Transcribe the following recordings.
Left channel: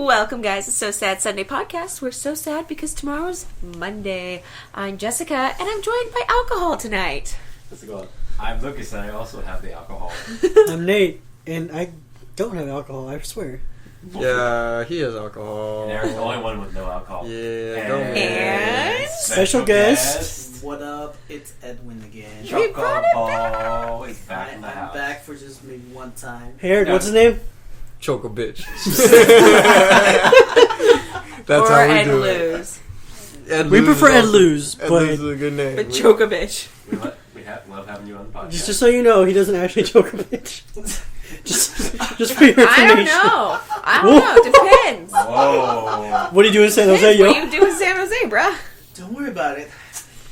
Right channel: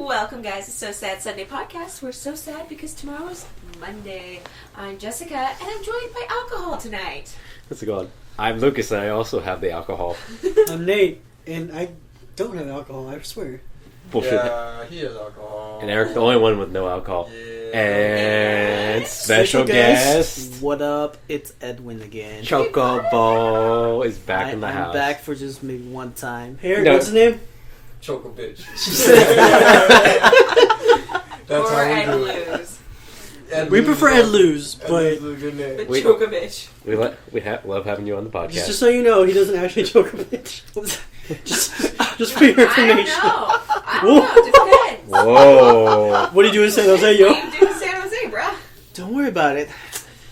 Welcome, guys. It's So Sad Sunday podcast. We're so sad because tomorrow's Monday. I'm Jessica, and I'm joined by alcohol tonight. How's it going? I'm Lucas, and I also have the alcohol. I'm Nate, and I don't have alcohol, I swear. Bullshit. Yeah, he has alcohol. And Erik, the only one with no alcohol. Yeah. And special guest. What up? It's Edwin again. Chocobo is back in the house. I'm back for just maybe one time. Hey, Erik, what's his name? Choco bitch. Or Ed Lose. We prefer Ed Lose, but Ed Lose is a good name. But Chokovich. We love having you on the podcast. just so you know, he doesn't actually choke a bitch. just for your information. I don't know. Depends. Whoa. What are you doing in San Jose, yo? What are you doing in San Jose, bruh? Don't worry about it.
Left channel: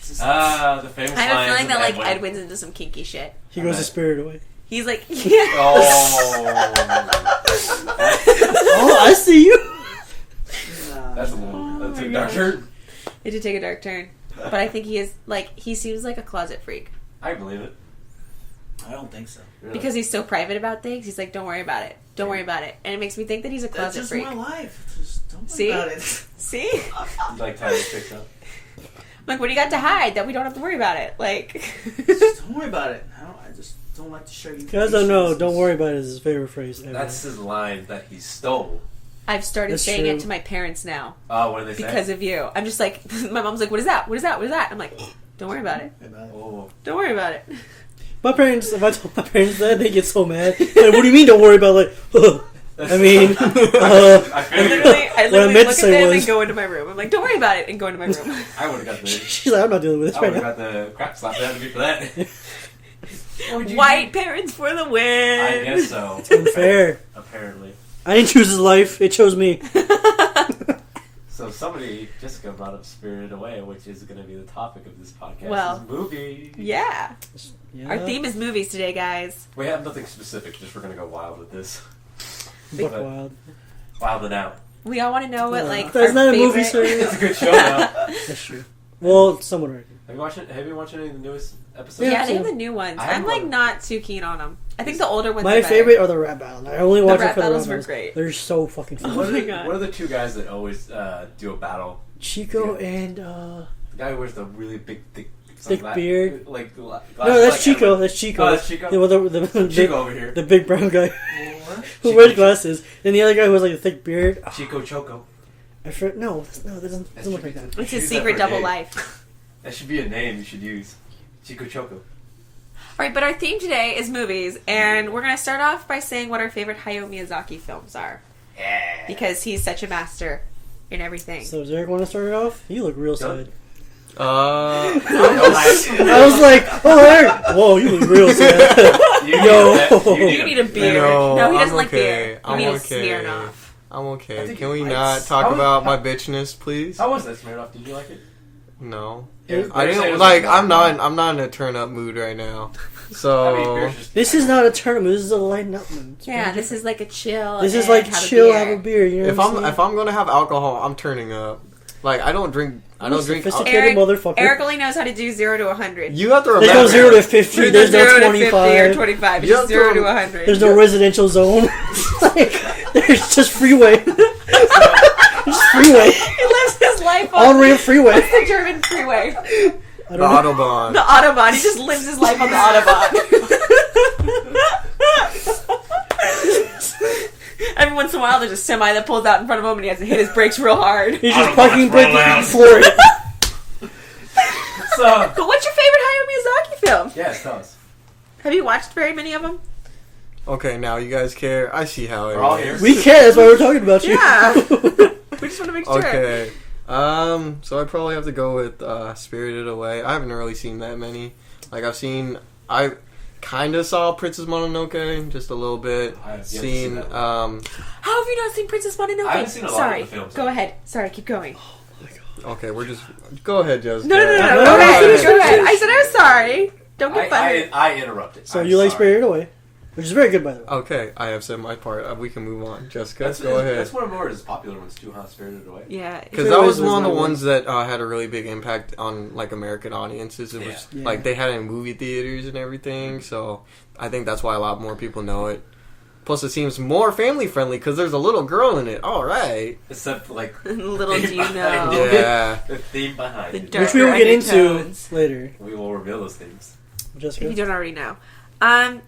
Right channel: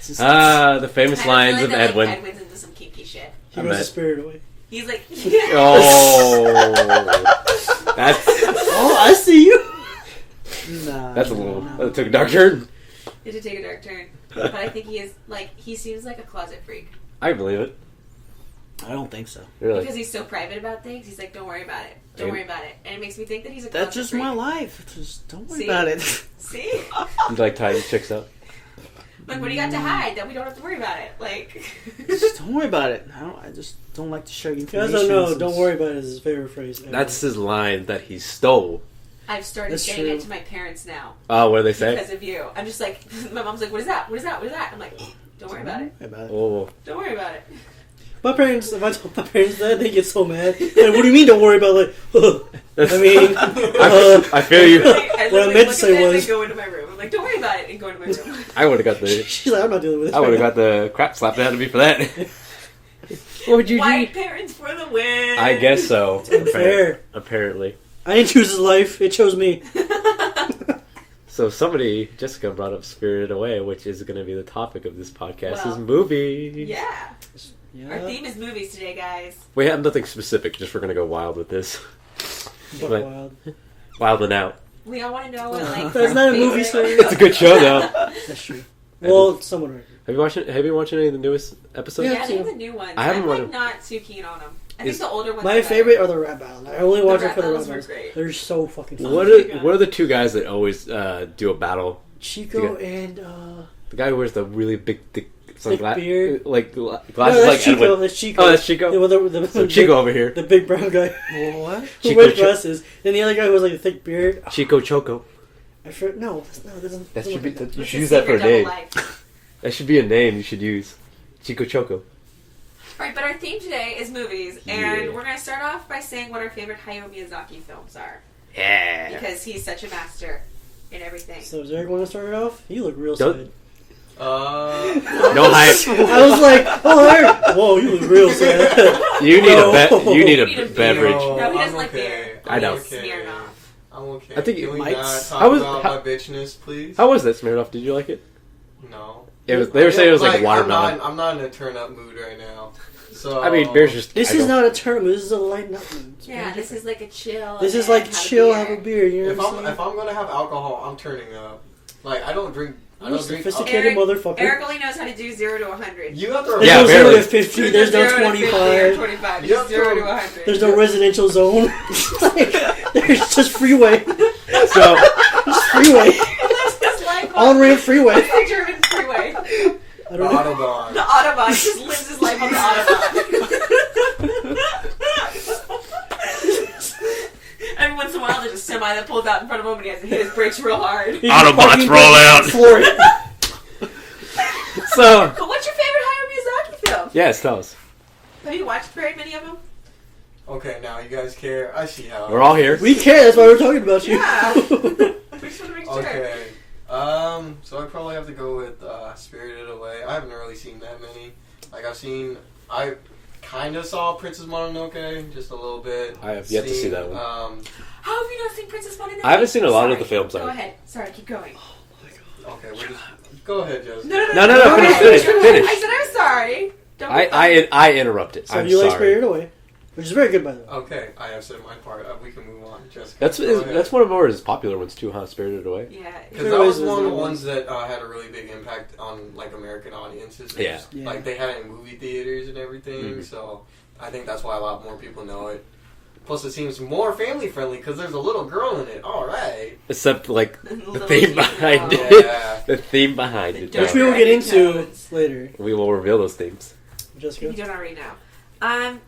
The famous I have a lines feeling of that Edwin. Edwin's into some kinky shit. He goes to Spirit Away. He's like, yeah. Oh. Oh, I see you. That's a little... That took a dark turn. It did take a dark turn. But I think he seems like a closet freak. I believe it. I don't think so. Really. Because he's so private about things, he's like, don't worry about it. Don't worry about it. And it makes me think that he's a closet That's just freak. my life. Just don't worry See? about it. See? You like tying the chicks up? Like, what do you got to hide that we don't have to worry about it? Like... Just don't worry about it. I just don't like to share You information. guys don't know, don't worry about it is his favorite phrase ever. That's his line that he stole. I've started That's saying true. it to my parents now. Oh, what do they say? Because of you. I'm just like, my mom's like, what is that? What is that? What is that? I'm like, don't worry about it. Oh. Don't worry about it. My parents, if I told my parents that, they get so mad. Like, what do you mean don't worry about it? Like, I mean, I feel you. I What I meant to say was- and go into my room. I'm like, don't worry about it, and go into my room. I would have got the... she's like, I'm not dealing with this I right would have now. got the crap slapped out of me for that. What would you White parents for the win. I guess so. It's unfair. Apparently. I didn't choose his life, it chose me. So Jessica brought up Spirited Away, which is going to be the topic of this podcast, Well, is movies. Yeah. Yeah. Our theme is movies today, guys. We have nothing specific, just we're going to go wild with this. Buck But- wild. Wild and out. We all want to know what, like, That's our not a favorite... movie, sir. It's a good show, though. That's true. Well, somewhat right. Have you watched any of the newest episodes? Yeah, I've they're seen the new ones. I haven't I'm, like, watched- not too keen on them. I think Is- the older ones My are better. favorite are the rap battles. I only watch it rap for the rap battles were battles. great. They're so fucking fun. What my are, God. what are the two guys that always do a battle? Chico Yeah. and The guy who wears the really big, thick beard. like glasses. no, that's like Chico. Edwin. That's Chico. Oh, that's Chico. Yeah, well, the So Chico over here. the big brown guy What? who Chico wears glasses, and the other guy who has like a thick beard. Chico Choco. No, that doesn't That look should be like that. you It's should his use that for secret a double name. life. That should be a name you should use. Chico Choco. Alright, but our theme today is movies, and Yeah. we're going to start off by saying what our favorite Hayao Miyazaki films are. Yeah. Because he's such a master in everything. So does Eric want to start it off? You look real Don't- sad. No hype. I was like, oh, Eric. Whoa, you look real sad. You need No. you need You a need a beverage. beer. No, he I'm doesn't like okay. beer. I He know. needs Smirnoff. I'm okay. I think Can we might- not How talk was- about how- my bitchness, please? How was that Smirnoff? Did you like it? No. They were saying it was like watermelon. I'm not in a turn up mood right now. So I mean, beer's just. This is not a tournament. This is a lighten up mood. It's Yeah, very this is like a chill. This is and like have a chill, beer. have a beer. You know if what I'm I'm saying? if I'm gonna have alcohol, I'm turning up. Like I don't drink. I You don't drink. sophisticated motherfucker. Eric only knows how to do 0 to 100. You have to There's remember. no 0 to barely. 50. There's no 0 to 50 or 25. 25. It's You just have to 0 to rem- 100. There's no residential zone. Like, there's just freeway. So, Just freeway. He lives his life on On-ramp freeway. the German freeway. I The don't know. Autobahn. The Autobahn. He just lives his life on the Autobahn. Every once in a while, there's a semi that pulls out in front of him, and he has to hit his brakes real hard. He's just Autobots parking roll brake out. and floor it. so But what's your favorite Hayao Miyazaki film? yes, tell us. Have you watched very many of them? Okay, now you guys care. I see how it We're all is. here. We care. That's why we're talking about you. Yeah. We just want to make sure. Okay. So I probably have to go with Spirited Away. I haven't really seen that many. Like I kind of saw Princess Mononoke just a little bit. I have yet to see that one. How have you not seen Princess Mononoke? I haven't seen a lot of Sorry. the films, Go though. ahead. Sorry, keep going. Okay, we're just go ahead, Joseph. No. No, Finish, finish. finish. I said I'm sorry. Don't be funny. I interrupted. So I'm you like sorry. Spirited Away, which is very good, by the way. Okay, I have said my part. We can move on. Jessica, That's go ahead. one of more his popular ones too, huh? Spirited Away. Yeah. Because Spirited that Away was was one of the my one. ones that had a really big impact on like American audiences. It Yeah. was, Yeah. Like they had it in movie theaters and everything. Mhm. So I think that's why a lot more people know it. Plus, it seems more family friendly because there's a little girl in it. All right. Except, like, the Little theme do you behind know. it. Yeah. The theme behind The it. dark- Which we will get into undertones. later. We will reveal those themes. If Jessica? you don't already know.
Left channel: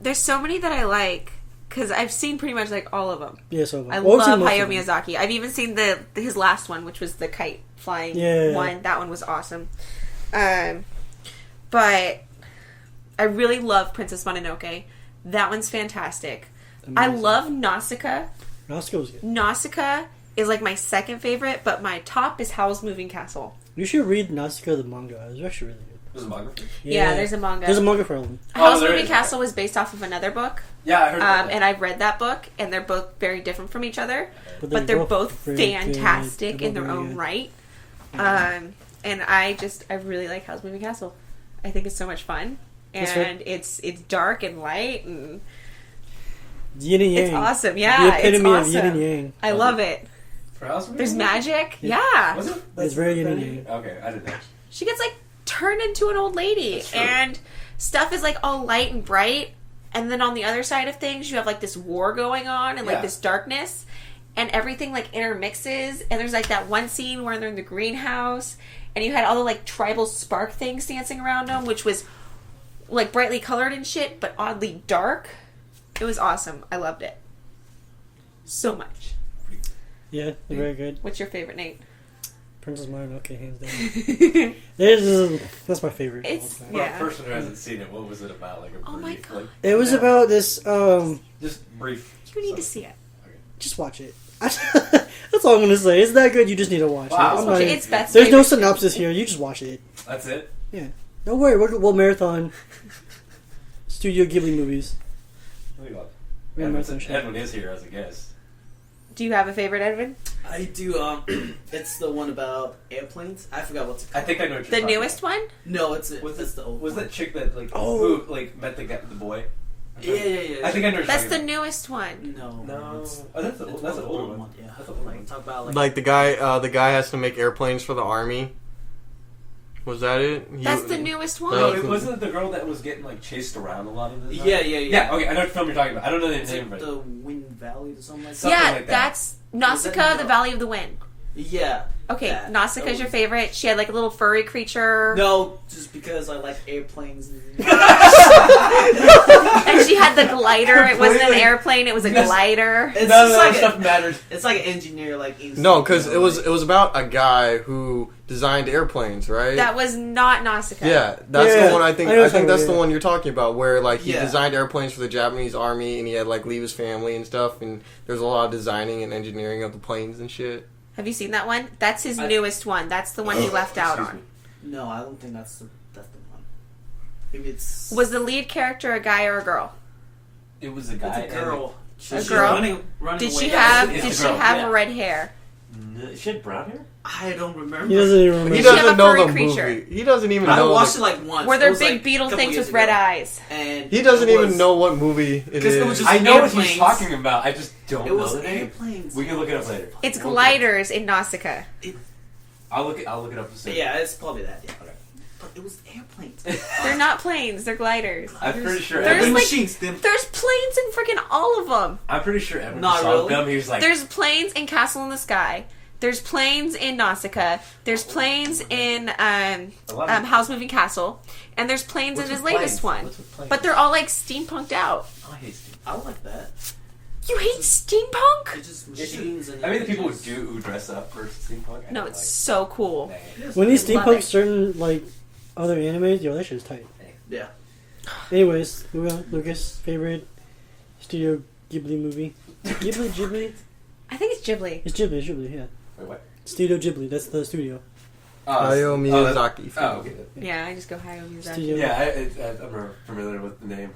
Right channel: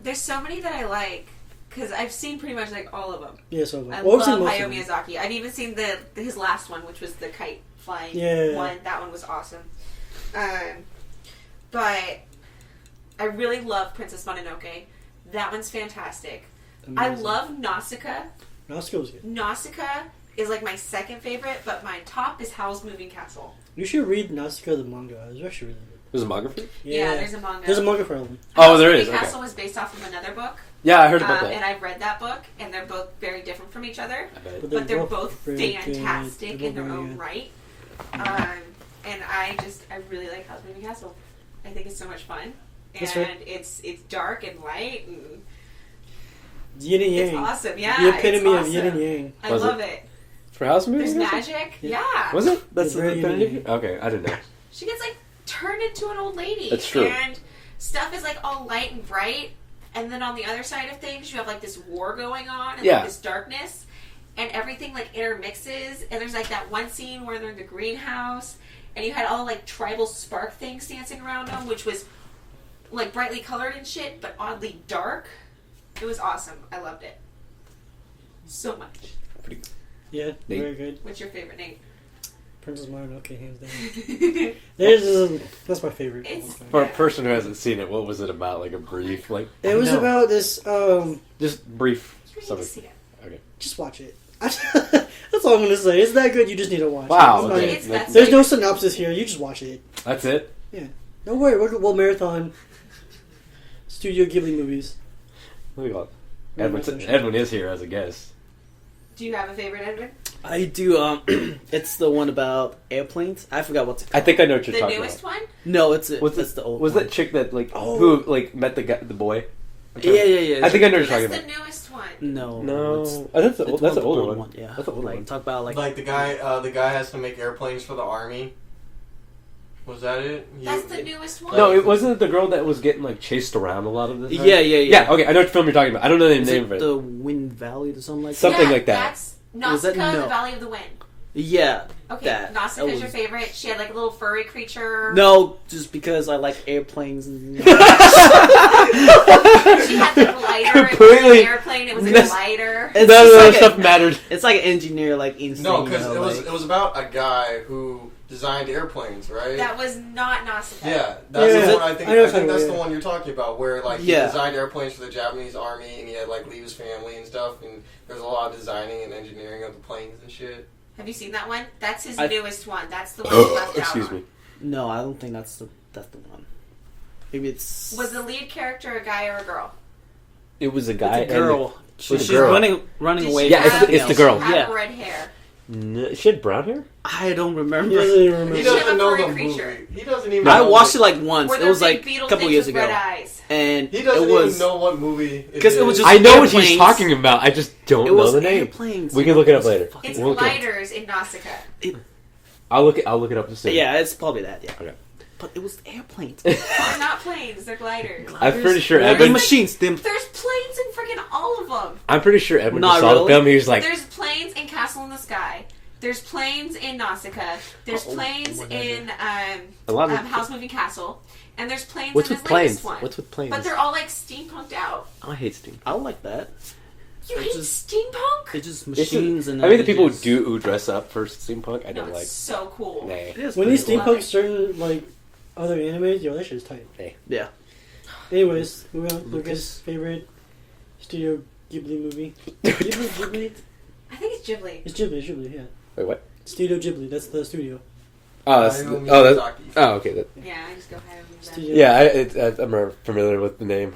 There's so many that I like because I've seen pretty much like all of them. Yeah, so I well, I've seen love most Hayao of them. Miyazaki. I've even seen his last one, which was the kite flying Yeah. one. That one was awesome. But I really love Princess Mononoke. That one's fantastic. I Amazing. love Nausicaa. Nausicaa was good. Nausicaa is like my second favorite, but my top is Howl's Moving Castle. You should read Nausicaa the manga. It was actually really good. There's a manga for it? Yeah, there's a manga. There's a manga for them. Howl's there Moving is, Castle okay. was based off of another book, Yeah, I heard about that. and I've read that book, and they're both very different from each other. But But they're both very fantastic good. in their They're both own very right. And I really like Howl's Moving Castle. I think it's so much fun, and That's right. it's dark and light, and Yin and yang. it's awesome. Yeah, The epitome it's of yin and awesome. yang. I Was love it? it. For House Movie? There's magic. Yeah. Was it? It's very the- unique. Okay, I didn't know. She gets like turned into an old lady, That's true. and stuff is like all light and bright. And then on the other side of things, you have like this war going on and Yeah. like this darkness, and everything like intermixes. And there's like that one scene where they're in the greenhouse, and you had all the like tribal spark things dancing around them, which was like brightly colored and shit, but oddly dark. It was awesome. I loved it so much. Yeah, very good. What's your favorite, Nate? Princess Mononoke, hands down. it's That's my favorite. For Yeah. a person who hasn't seen it, what was it about? Like a Oh my brief, God. like It was No. about this. just brief. You need to summary. see it. Okay. Just watch it. That's all I'm gonna say. It's that good. You just need to watch Wow. it. I'm not Okay, even- It's Beth's There's no favorite. synopsis here. You just watch it. That's it. Don't worry. We'll marathon Studio Ghibli movies. Look at Yeah, Edwin, marathon. Edwin is here as a guest. Do you have a favorite, Edwin? I do. It's the one about airplanes. I forgot what's it I called. think I know what you're The talking newest one? No, it's Was that's it- the old. Was one. that chick that like Oh. who like met the boy? Yeah. I think I know what you're That's talking the about. newest one. No. No, it's oh, that's the the that's the older old one. Yeah. That's the older Like one. talk about Like the guy has to make airplanes for the army. Was that it? That's the newest one. No, it wasn't the girl that was getting like chased around a lot of the time. Yeah. Yeah, okay, I know what film you're talking about. I don't know the Is name it of it. the Wind Valley or something like that? Something yeah, like that. That's Was that- Nausicaa, no. the Valley of the Wind. Yeah. Okay, That. Nausicaa's That your was- favorite. She had like a little furry creature. No, just because I like airplanes. And... And she had the glider. It wasn't an Completely. airplane, it was a That's- glider. It's None of just that like stuff mattered. It's like an engineer, like insane. No, because you know, it was about a guy who designed airplanes, right? That was not Nausicaa. Yeah, that's Yeah, the one I think. I know I, what think you're that's talking the about, one you're talking about, where like he Yeah. designed airplanes for the Japanese army, and he had like leave his family and stuff, and there's a lot of designing and engineering of the planes and shit. Have you seen that one? That's his I- newest one. That's the one you left out Excuse on. me. No, I don't think that's the one. Maybe it's Was the lead character a guy or a girl? It was a it's guy. a girl. Was She's a girl. running Did away. she Yeah, have, it's the did girl. she have Yeah. red hair? She had brown hair. I don't remember. He doesn't even remember. He Did she have doesn't a know furry the creature? movie. He doesn't even. I know watched what- it like once. Were It there was big like a beetle couple things years with ago. red eyes? And He doesn't it even was, know what movie. Because it was is. just I know what she's airplanes. talking about. I just don't It know was the name. airplanes. We can look it up later. It's We'll look it up. gliders in Nausicaa. I'll look it up to see. Yeah, it's probably that. Yeah. Okay. But it was airplanes. They're not planes, they're gliders. I'm pretty sure They're Edwin. like- machines. Them. There's planes in freaking all of them. I'm pretty sure Edwin Not saw the really. film. He was like, There's planes in Castle in the Sky. There's planes in Nausicaa. There's planes in a lot of House Moving Castle. And there's planes What's in his with latest planes? one. What's with planes? But they're all like steampunked out. I hate Steam. I like that. You hate steampunk? It's just machines and. I mean, the people images. who dress up for steampunk. I No, don't it's like. so cool. Nah. It is When these Love steampunk it. certain like other animes, yo, that shit's tight. Yeah. Anyways, moving on. Lucas' favorite Studio Ghibli movie. Ghibli? I think it's Ghibli. It's Ghibli, yeah. Wait, what? Studio Ghibli, that's the studio. Hayao that- Miyazaki. oh, okay. That, Yeah, I just go Hayao Miyazaki. Studio. yeah, I'm familiar with the name.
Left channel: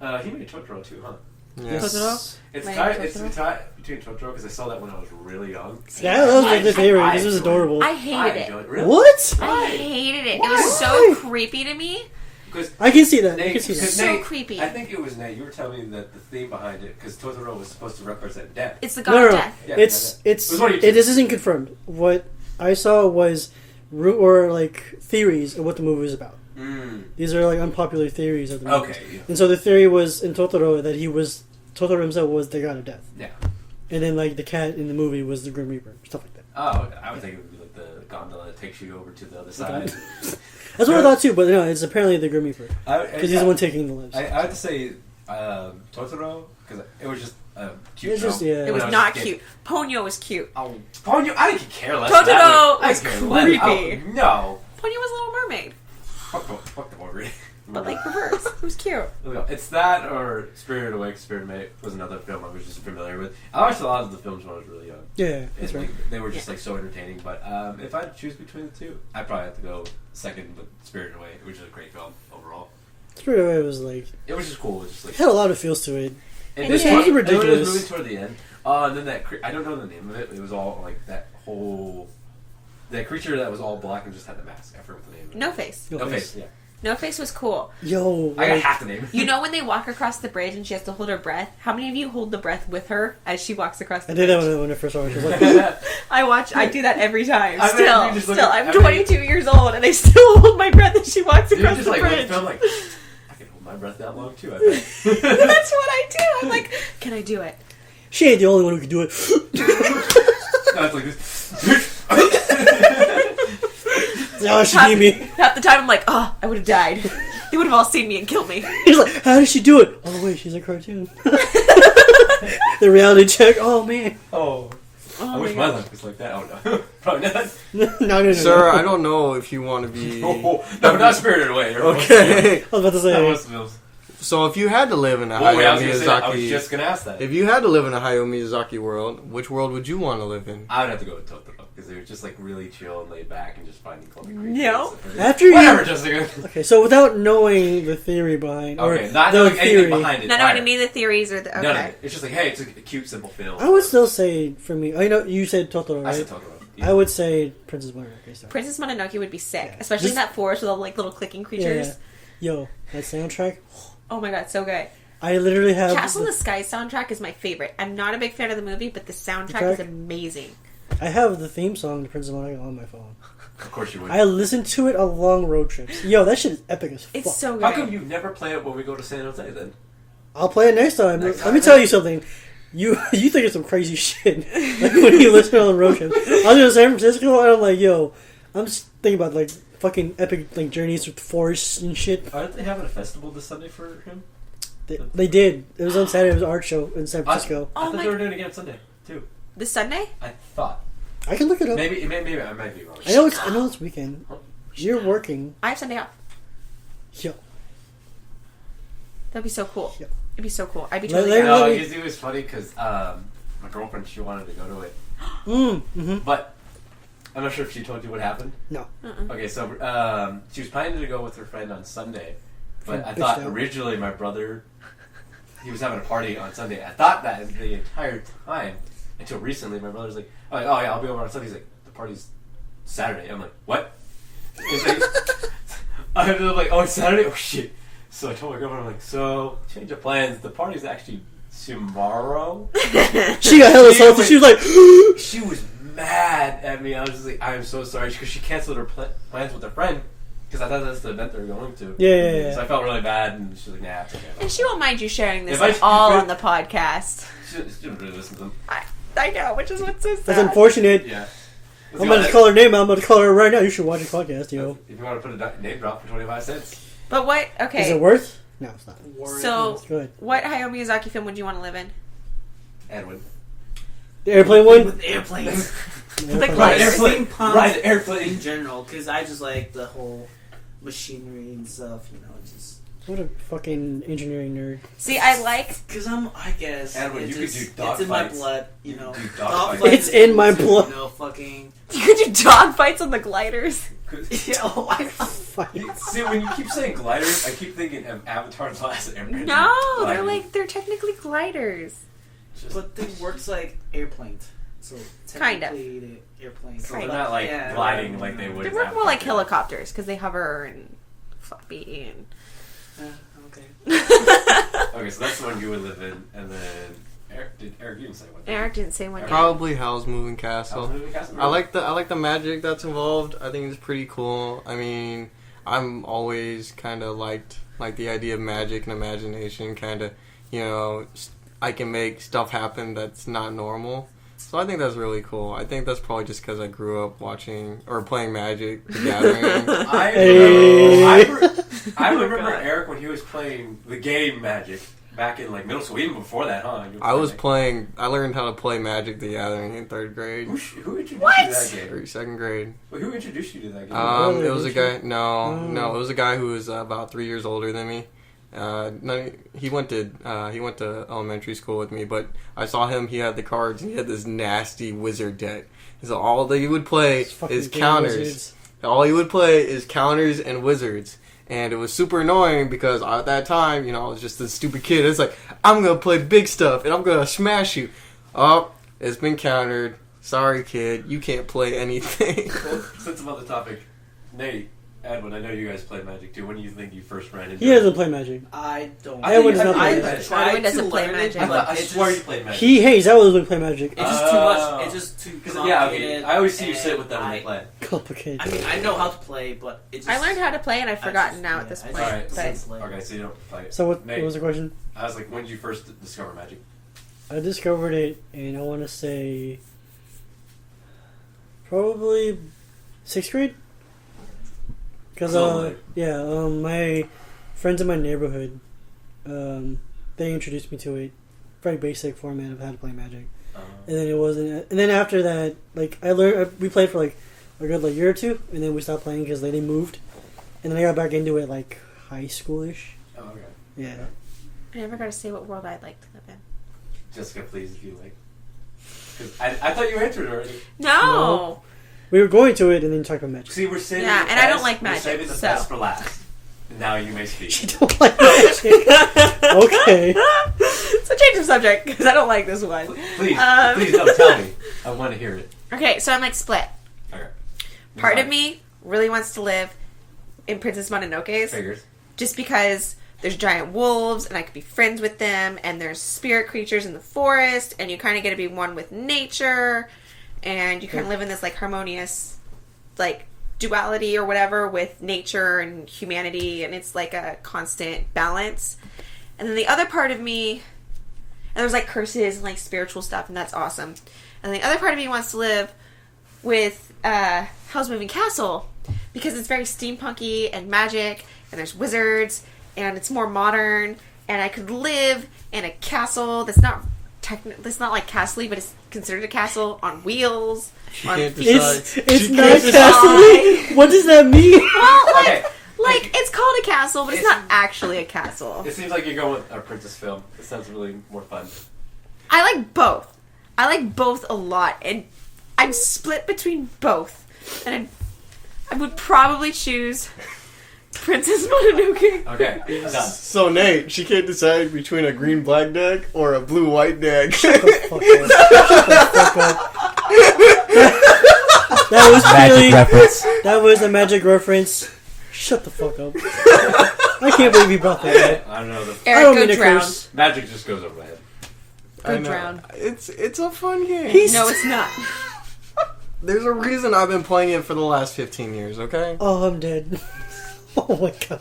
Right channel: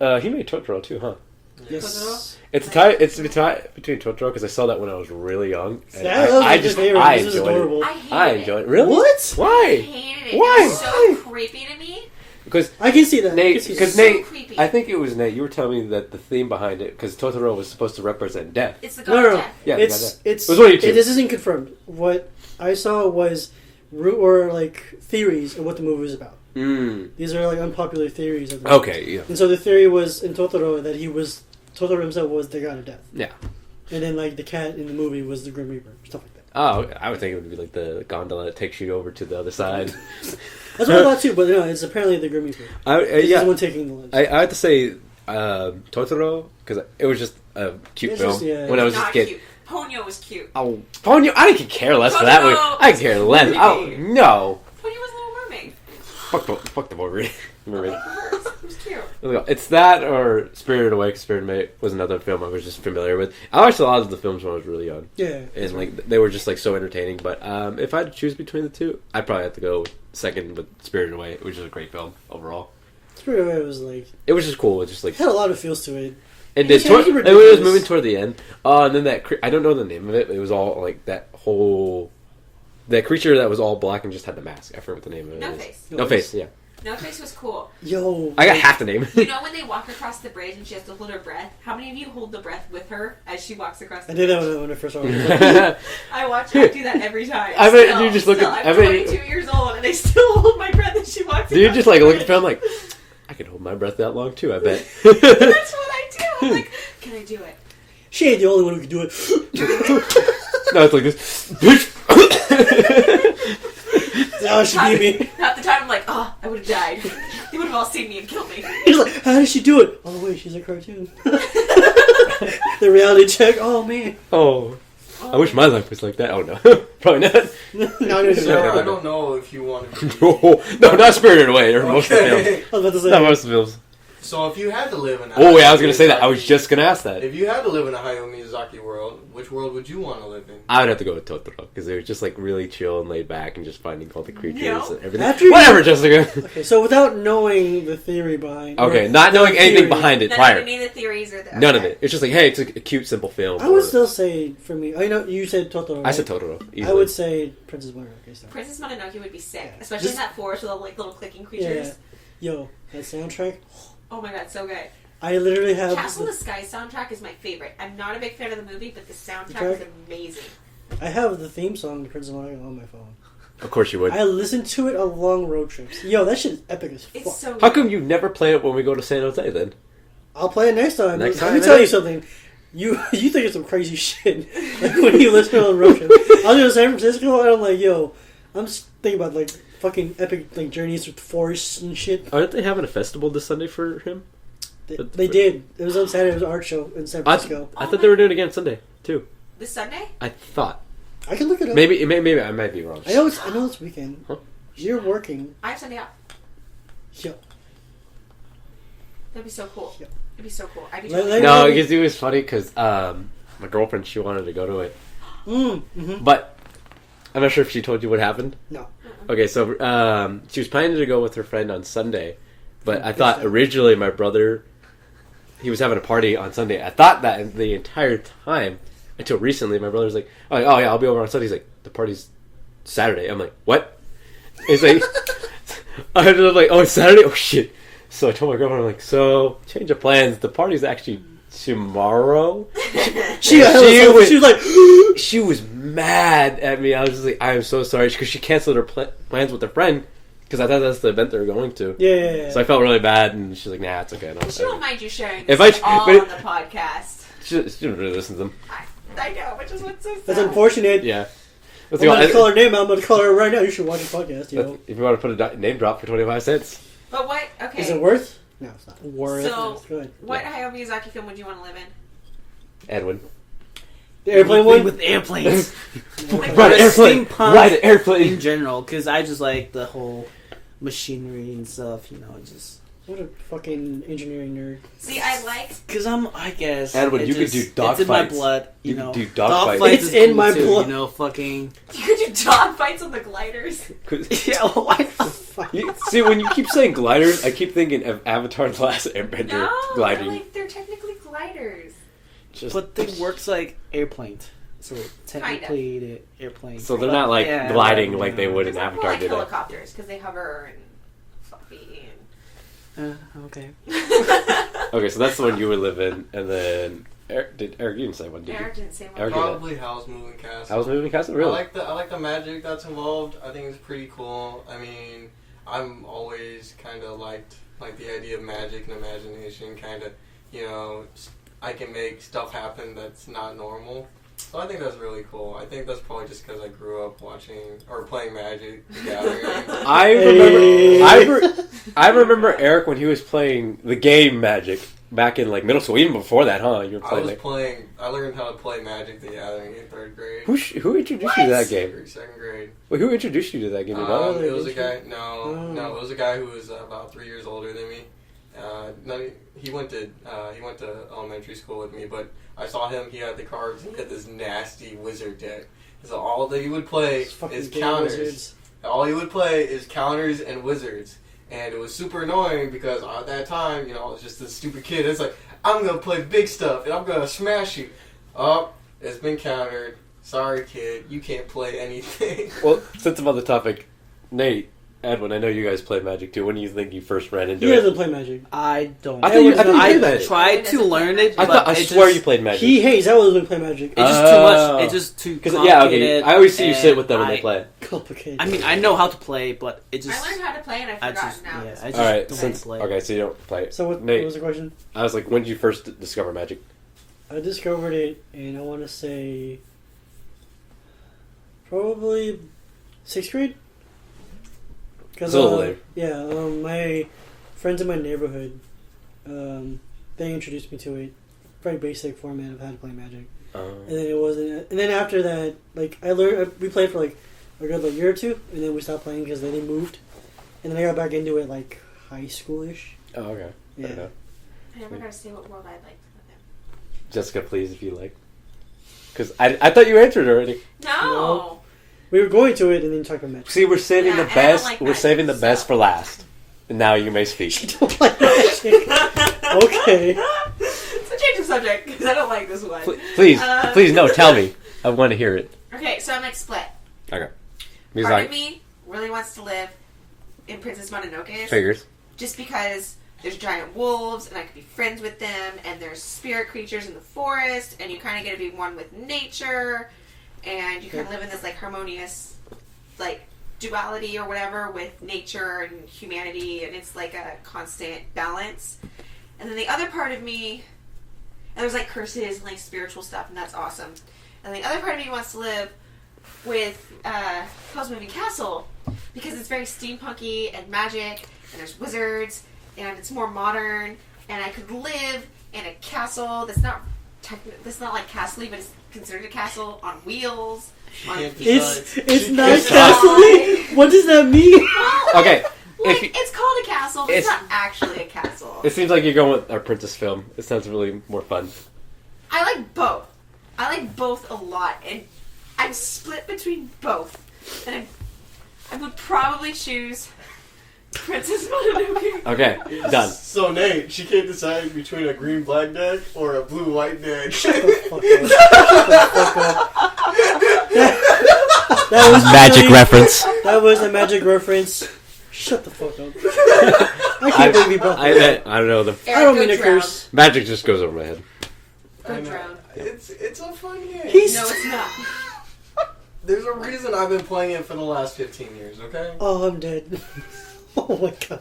He made Totoro too, huh? Yeah. Yes. It's Like tied. It's Totoro? between Totoro because I saw that when I was really young. and Yeah, that was I my just- favorite. I This was enjoyed it. adorable. I hated I it. enjoyed it. Really? What? I Why? hated it. Why? It was so Why? creepy to me. Because I can see that. I Nate, can see because that. So Nate, creepy. I think it was Nate. You were telling me that the theme behind it, because Totoro was supposed to represent death. It's the God No, of no, Death. Yeah, it's It was one of you two. this isn't confirmed. What I saw was theories of what the movie was about. Mm. These are like unpopular theories of the movie. Okay. Yeah. And so the theory was in Totoro that he was Totoro himself was the god of death. Yeah. And then like the cat in the movie was the Grim Reaper, stuff like that. Oh, I would think it would be like the gondola that takes you over to the other side. That's what I thought too, but no, it's apparently the Grim Reaper. He's yeah, the one taking the lives. I have to say Totoro, because it was just a cute It's film. just, yeah. It when I was was a not kid. cute. Ponyo was cute. Oh, Ponyo, I could care less for that Totoro one. I could care less. Oh, creepy. no. Ponyo was a Little Mermaid. Fuck the movie. But like reverse. It was cute. It's that or Spirited Away. Spirited Away was another film I was just familiar with. I watched a lot of the films when I was really young. Yeah, that's And right. like they were just like so entertaining. But if I had to choose between the two, I'd probably have to go second with Spirited Away, which is a great film overall. Spirited Away was like It was just cool. It just like had a lot of feels to it. and It's this it was ridiculous. moving toward the end. And then I don't know the name of it. It was all like that creature that was all black and just had the mask. I forget what the name of it No is. Face. No face. Yeah, No Face was cool. Yo, I got like, half the name. You know when they walk across the bridge and she has to hold her breath? How many of you hold the breath with her as she walks across the I bridge? did that when I first saw it. I do that every time. I bet Still, you just look still. at- I'm I bet- 22 years old and I still hold my breath as she walks Do across you just the like look bridge. at the film like I can hold my breath that long too? I bet. That's what I do. I'm like, can I do it? She ain't the only one who can do it. No, it's like this. Oh, she beat me. Half the time I'm like, oh, I would have died. They would have all seen me and killed me. He's like, how did she do it? Oh wait, she's a cartoon. The reality check. Oh man. Oh, I wish my life was like that. Oh no, probably not. No. Sir, I don't know if you want to be. No, not Spirited Away. Or most of the films. Okay. I was about to say. Not most of the films. So if you had to live in a Oh wait, I Hayao was gonna say that. I was Miyazaki- just gonna ask that. If you had to live in a Hayao Miyazaki world, which world would you want to live in? I would have to go with Totoro because they were just like really chill and laid back and just finding all the creatures No. and everything. After you- Whatever, Jessica. Okay, so without knowing the theory behind, or Okay, not the knowing anything theory, behind it None prior. of any of the theories or the... Okay. None of it. It's just like, hey, it's a cute, simple film. I would still say for me. I know you said Totoro. I Right? said Totoro. I easily. would say Princess Mononoke. Sorry. Princess Mononoke would be sick. Yeah. Especially in Just- that forest with all like little clicking Yeah, creatures. yeah. Yo, that soundtrack. Oh my god, so good. I literally have. Castle in the Sky soundtrack is my favorite. I'm not a big fan of the movie, but the soundtrack Track? is amazing. I have the theme song to Princess Mononoke on my phone. Of course you would. I listen to it on long road trips. Yo, that shit is epic as fuck. It's so good. How come you never play it when we go to San Jose then? I'll play it next time. Next Let time, me tell yeah. you something. You think it's some crazy shit like when you listen on road trips. I was in San Francisco and I'm like, yo, I'm just thinking about like fucking epic like journeys through forests and shit. Aren't they having a festival this Sunday for him? They did. It was on Saturday. It was an art show in San Francisco. I Oh thought my- they were doing it again Sunday too. This Sunday? I thought I can look it up. maybe I might be wrong. I know it's weekend. Huh? You're working. I have Sunday off. Yo. That'd be so cool. Yep. It'd be so cool. I'd be Let- totally... let- No, Really? because it was funny because my girlfriend she wanted to go to it, Mm-hmm. but I'm not sure if she told you what happened. No. Okay, so she was planning to go with her friend on Sunday, but I Bitch thought down. originally my brother he was having a party on Sunday. I thought that the entire time until recently. My brother's like, oh yeah, I'll be over on Sunday. He's like, the party's Saturday. I'm like, what? He's like, I'm like, oh, it's Saturday. Oh shit. So I told my girlfriend, I'm like, so change of plans. The party's actually tomorrow. She got hella She salty. was- She was like, She was mad at me. I was just like, I am so sorry because she canceled her plans with her friend because I thought that's the event they were going to. yeah. So I felt really bad, and she's like, "Nah, it's okay." She won't mind you sharing this If I- all but- on the podcast. She didn't really listen to them. I know, which is what's so sad. That's unfortunate. Yeah. I'm about to call her name out. I'm about to call her right now. You should watch the podcast, yo. If you want to put a name drop for 25 cents, But what? Okay. Is it worth? No, it's not. Worth. So- It's good. What Hayao Miyazaki film would you want to live in? Edwin. The airplane one? with airplanes. Like, Ride what an is- airplane. Steampunk Ride an airplane. in general, because I just like the whole machinery and stuff. You know, just What a fucking engineering nerd. See, I like. because I guess Edwin, it you could just- do dog it's in my fights. blood. You You know, could do dog fights. It's is in cool my too, blood. You know, fucking You could do dog fights on the gliders. yeah. Why? See, when you keep saying gliders, I keep thinking of Avatar: The Last Airbender. No, they're gliding. like they're technically gliders. Just, But they works like airplanes. So technically, the airplanes. so they're not like Yeah, gliding yeah. like they would They in work Avatar. more like did it? helicopters because they hover and floppy Okay. and. Okay, so that's the one you would live in, and then Eric you didn't say one. Did you? Eric didn't say one. Eric- yet. Probably Howl's Moving Castle. I was moving castle. I Really? like the magic that's involved. I think it's pretty cool. I mean, I'm always kind of liked the idea of magic and imagination. Kind of, you know, I can make stuff happen that's not normal. So I think that's really cool. I think that's probably just because I grew up watching or playing Magic the Gathering. I remember Eric when he was playing the game Magic back in like middle school, even before that, huh? You were I learned how to play Magic the Gathering in 3rd grade. Who introduced you to that game? 2nd grade. Well, who introduced you to that game? It was a guy. No, it was a guy who was about 3 years older than me. No, he went to elementary school with me, but I saw him. He had the cards. He had this nasty wizard deck. So all that he would play is counters. Wizards. All he would play is counters and wizards, and it was super annoying because at that time, I was just a stupid kid. It's like, I'm gonna play big stuff and I'm gonna smash you. Oh, it's been countered. Sorry, kid, you can't play anything. Well, since I'm on the topic, Nate. Edwin, I know you guys play Magic too. When do you think you first ran into it? He doesn't play Magic. I don't. I tried to learn it, but I swear you played Magic. He hates. I wasn't play Magic. It's just too much. It's just too complicated. Yeah, okay. I always see you sit with them when they play. Complicated. I mean, I know how to play, but it just. I learned how to play and I've forgotten now at this point. Alright, okay, so you don't play it. So what was the question? I was like, when did you first discover Magic? I discovered it, and I want to say probably 6th grade. Because my friends in my neighborhood, they introduced me to it. Very basic format of how to play Magic, and then it wasn't. And then after that, like I learned, we played for like a good year or two, and then we stopped playing because they moved, and then I got back into it like high schoolish. Oh, okay. Yeah. I never got to say what world I'd like to live in. Jessica, please, if you like. Because I thought you answered already. No. We were going to it and then talked about Magic. See, we're saving the best. I don't like we're Magic, saving the best for last. And now you may speak. You don't like Magic. Okay. So change of subject because I don't like this one. Please, no, tell me. I want to hear it. Okay, so I'm like split. Okay. Part of me really wants to live in Princess Mononoke's. Figures. Just because there's giant wolves and I could be friends with them, and there's spirit creatures in the forest, and you kind of get to be one with nature. And you kind of live in this like harmonious, like duality or whatever with nature and humanity, and it's like a constant balance. And then the other part of me, and there's like curses and like spiritual stuff, and that's awesome. And the other part of me wants to live with Hell's Moving Castle because it's very steampunky and magic, and there's wizards, and it's more modern, and I could live in a castle that's not like castle-y, but it's considered a castle on wheels. It's not castle-y? What does that mean? Well, okay. It's called a castle, but it's not actually a castle. It seems like you're going with our princess film. It sounds really more fun. I like both. I like both a lot, and I'm split between both. And I would probably choose Princess Mononoke. Okay, done. So Nate, she can't decide between a green-black deck or a blue-white deck. Shut the fuck up. Shut the fuck up. That was Magic reference. That was a magic reference. Shut the fuck up. I can't believe you brought that up. I don't know. Erik, I don't mean to curse. Magic just goes over my head. Go drown. It's a fun game. No, it's not. There's a reason I've been playing it for the last 15 years, okay? Oh, I'm dead. Oh my god.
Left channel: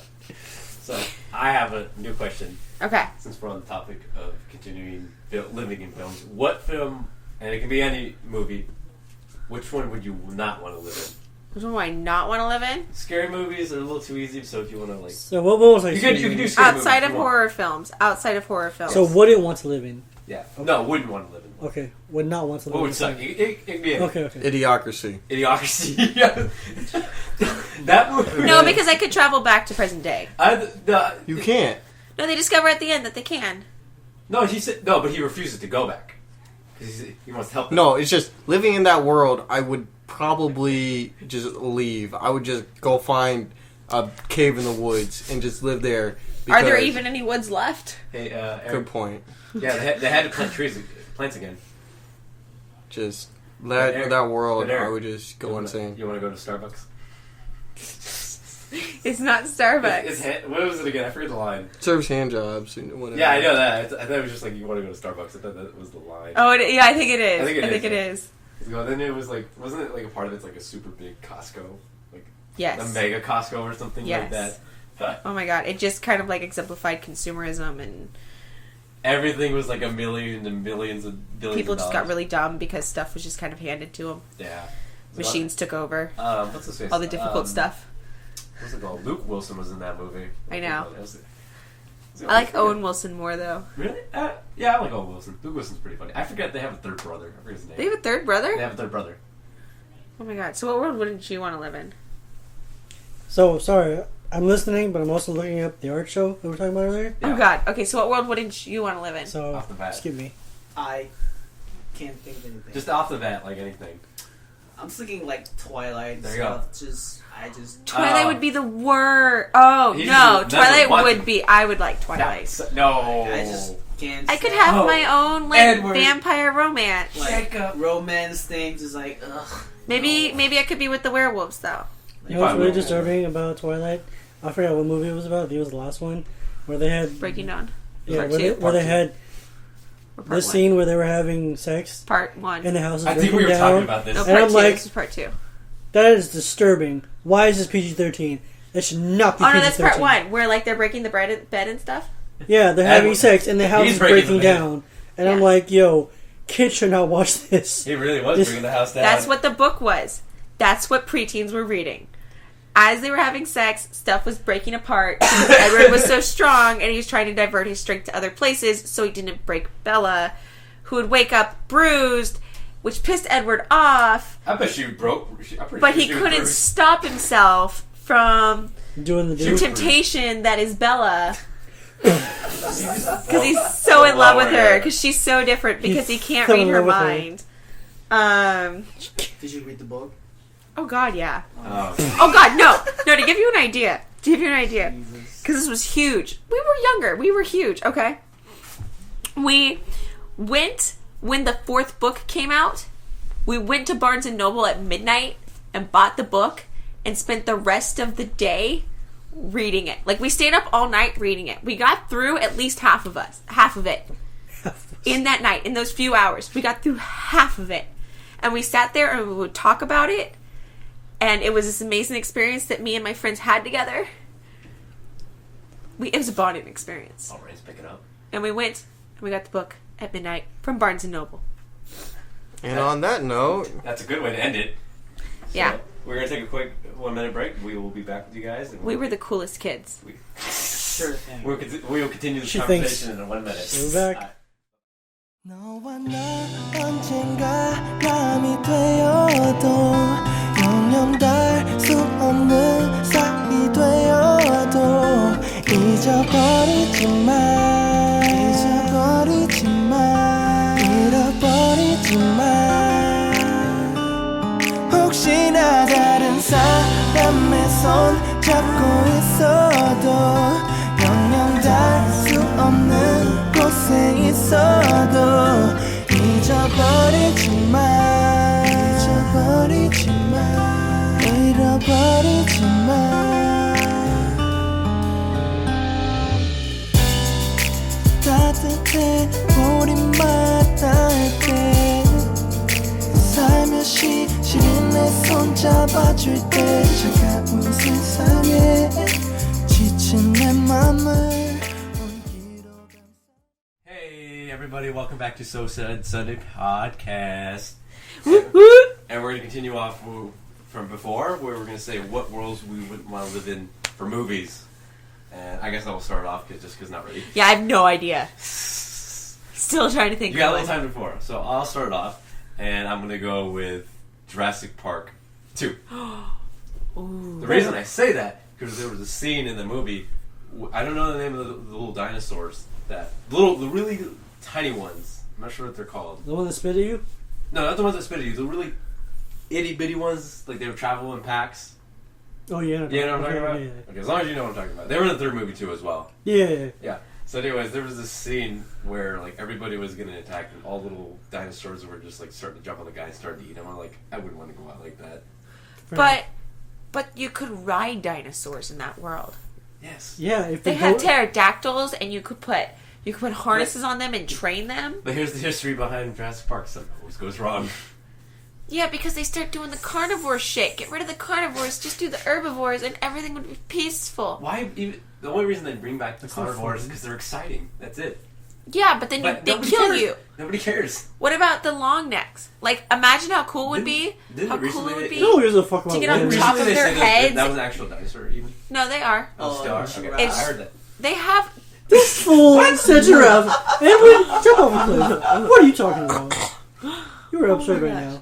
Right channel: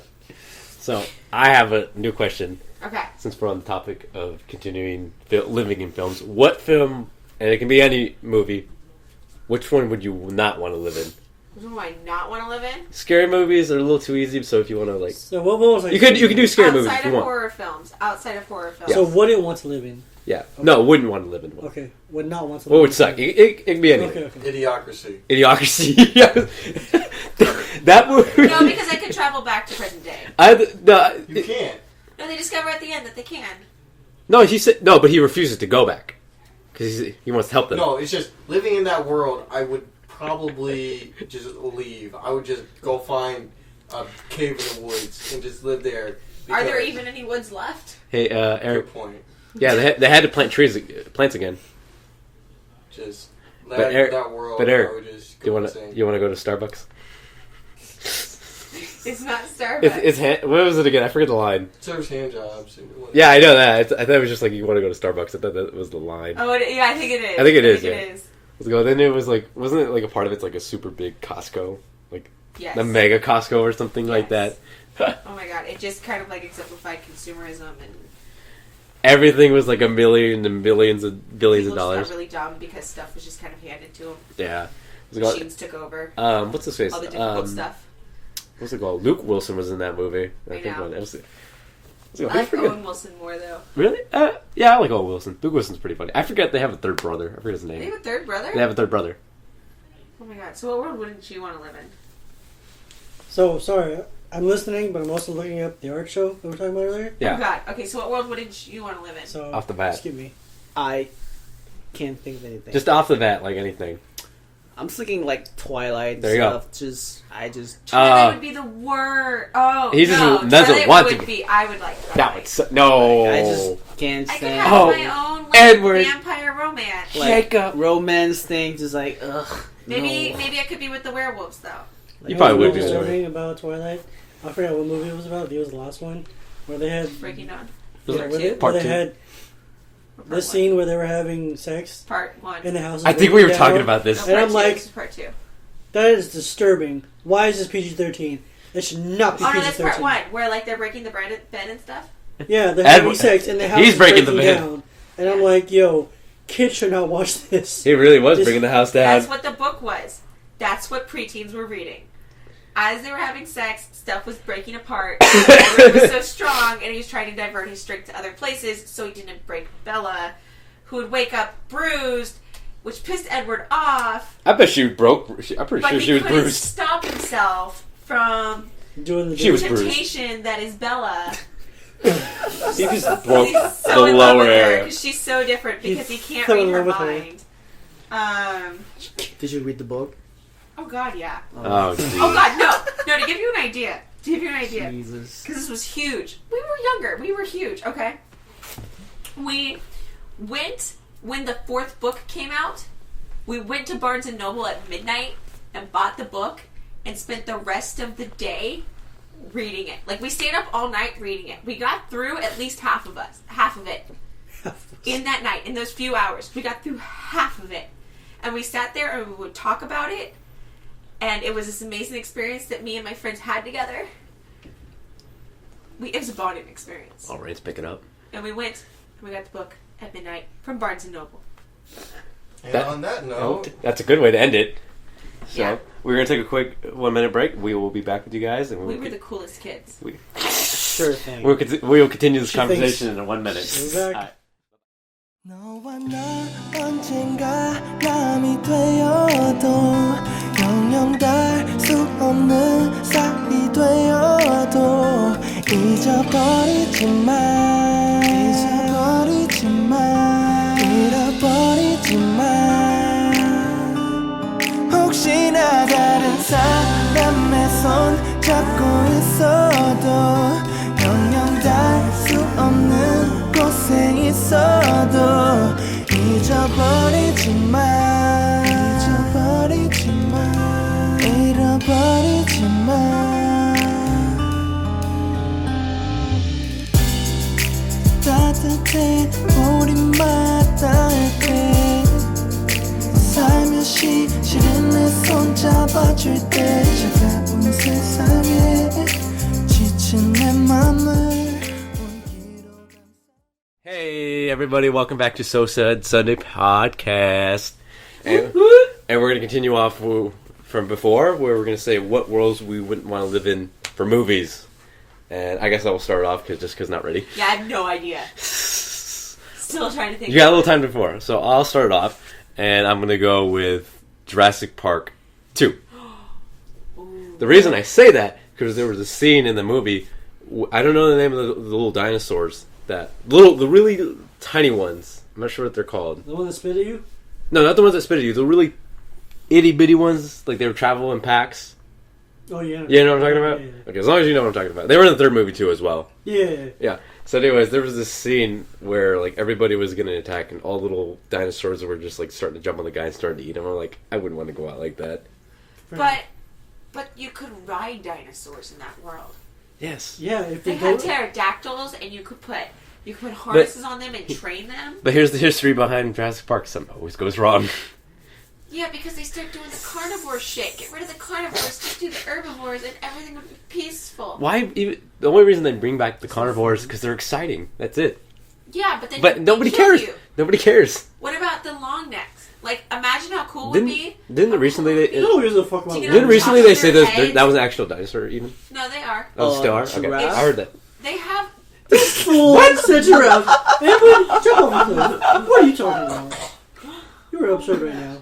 So, I have a new question. Okay. Since we're on the topic of continuing living in films, what film, and it can be any movie, which one would you not want to live in? Which one do I not want to live in? Scary movies are a little too easy, so if you want to, like... So what was I you can do scary movies Outside if of you want. horror films. Outside of horror films. So wouldn't want to live in? Yeah. Okay. No, wouldn't want to live in one. Okay. Would not want to What live would in. suck? It can be anything. Okay. Idiocracy. Idiocracy. That movie... No, because I could travel back to present day. You can't. No, they discover at the end that they can. No, he said... No, but he refuses to go back. Because he wants to help them. No, it's just, living in that world, I would probably just leave. I would just go find a cave in the woods and just live there. Are there even any woods left? Hey, Eric... Good point. Yeah, they had to plant plants again. Just Eric, that world, but Eric, I would just go insane. You want to go to Starbucks? It's not Starbucks. What was it again? I forget the line. Serves hand jobs. Yeah, I know that. I thought it was just like you want to go to Starbucks. I thought that was the line. Oh, yeah, I think it is. I think it is. It is. Then it was like, wasn't it like a part of it's like a super big Costco, like Yes. a mega Costco or something like that? Oh my god! It just kind of like exemplified consumerism everything was like a million and millions of billions People of just dollars. got really dumb because stuff was just kind of handed to them. Yeah. Machines took over. What's his face? All the difficult stuff. What's it called? Luke Wilson was in that movie. I know. I I like Owen Wilson more, though. Really? Yeah, I like Owen Wilson. Luke Wilson's pretty funny. I forget they have a third brother. I forget his name. They have a third brother? They have a third brother. Oh my god. So what world wouldn't you want to live in? So, sorry, I'm listening, but I'm also looking up the art show that we were talking about earlier. Yeah. Oh god. Okay, so what world wouldn't you want to live in? So, Off the bat. excuse me. I can't think of anything. Just off the bat, like anything. I'm just thinking like Twilight and There you go. stuff. Twilight would be the worst. Oh, He just no. doesn't want Twilight to would be. I would like Twilight. No. I just can't. I could stand- have Oh, my own like Edward. vampire romance. like Jacob. romance things. Just like ugh. Maybe no. maybe I could be with the werewolves though. You You know what's probably really would be. disturbing about Twilight? I forgot what movie it was about. I think it was the last one. Where they had... Breaking Dawn. Yeah, Part where two. they, where they two. had Or part this one. scene where they were having sex Part one. in the house. I think we were talking about this. No, And part I'm two. like- This is part two. That is disturbing. Why is this PG-13? It should not be Oh no, PG-13. that's part one where like they're breaking the bed and stuff. Yeah, they're having Edwin. sex and the house He's is breaking breaking the bed. down. And I'm Yeah. like, yo, kids should not watch this. He really was This- bringing the house down. That's what the book was. That's what preteens were reading. As they were having sex, stuff was breaking apart. Edward was so strong, and he was trying to divert his strength to other places so he didn't break Bella, who would wake up bruised, which pissed Edward off. I bet she broke. I'm pretty But sure he she was couldn't bruised. stop himself from Doing the She was the dude. bruised. temptation that is Bella. He just broke Because he's so the in love with lower her. area. Because she's so different. Because he He's can't so read in her love with her. mind. Did you read the book? Oh God, yeah. Oh, Oh God, no. To give you an idea. Jesus. Because this was huge. We were younger. We were huge. Okay. We went when the fourth book came out. We went to Barnes and Noble at midnight and bought the book and spent the rest of the day reading it. Like we stayed up all night reading it. We got through at least half of it in that night. In those few hours, we got through half of it, and we sat there and we would talk about it. And it was this amazing experience that me and my friends had together. It was a bonding experience. oh, Rain's picking up. And we went and we got the book at midnight from Barnes & Noble. And on that note, That's a good way to end it. So, Yeah. We're gonna take a quick 1 minute break. We will be back with you guys, and We were the coolest kids. Sure thing. we will continue this She conversation thinks- in 1 minute. We're back. 너와 나 언젠가 남이 되어도 영영 닿을 수 없는 사이 되어도 잊어버리지 마 잃어버리지 마 혹시나 다른 사람의 손 잡고 있어도 영영 닿을 수 없는 곳에 있어도 잊어버리지 마 잃어버리지 마 따뜻해 우리만 따뜻해 살며시 시린 내 손 잡아줄 때 차가운 세상에 지친 내 맘을 온기로 감싸 Hey everybody, welcome back to So Said Sunday Podcast. And we're gonna continue off from before, where we're gonna say what worlds we wouldn't want to live in for movies. And I guess I will start off because not ready. Yeah, I have no idea. Still trying to think. You got a of little one. time before, so I'll start it off, and I'm gonna go with Jurassic Park 2. The reason I say that because there was a scene in the movie. I don't know the name of the little dinosaurs. The really tiny ones. I'm not sure what they're called. The one that spit at you? No, not the ones that spit at you. The really itty bitty ones, like they would travel in packs. Oh, yeah. You know what I'm talking about? Yeah. Okay, as long as you know what I'm talking about. They were in the third movie too, as well. Yeah. Yeah. So, anyways, there was this scene where like everybody was gonna attack, and all little dinosaurs were just like starting to jump on the guy and starting to eat him. I'm like, I wouldn't want to go out like that. But you could ride dinosaurs in that world. Yes. Yeah, if They they had go... pterodactyls, and you could put harnesses on them and train them. But here's the history behind Jurassic Park. Something always goes wrong. Yeah, because they start doing the carnivore shit. Get rid of the carnivores, just do the herbivores, and everything would be peaceful. Why? Even, the only reason they bring back the carnivores is because they're exciting. That's it. Yeah, but then But they nobody kill cares. you. Nobody cares. What about the long necks? Like, imagine how cool it would be. Didn't How recently cool it would they- be. No, here's a fuck To about get long on Didn't necks. top recently of they their say that heads. that was an actual dinosaur even? No, they are. Oh, still are? Okay. giraffe. I heard that. They have. This fool said giraffe. Edwin, jump off a cliff. What are you talking about? You were absurd right now.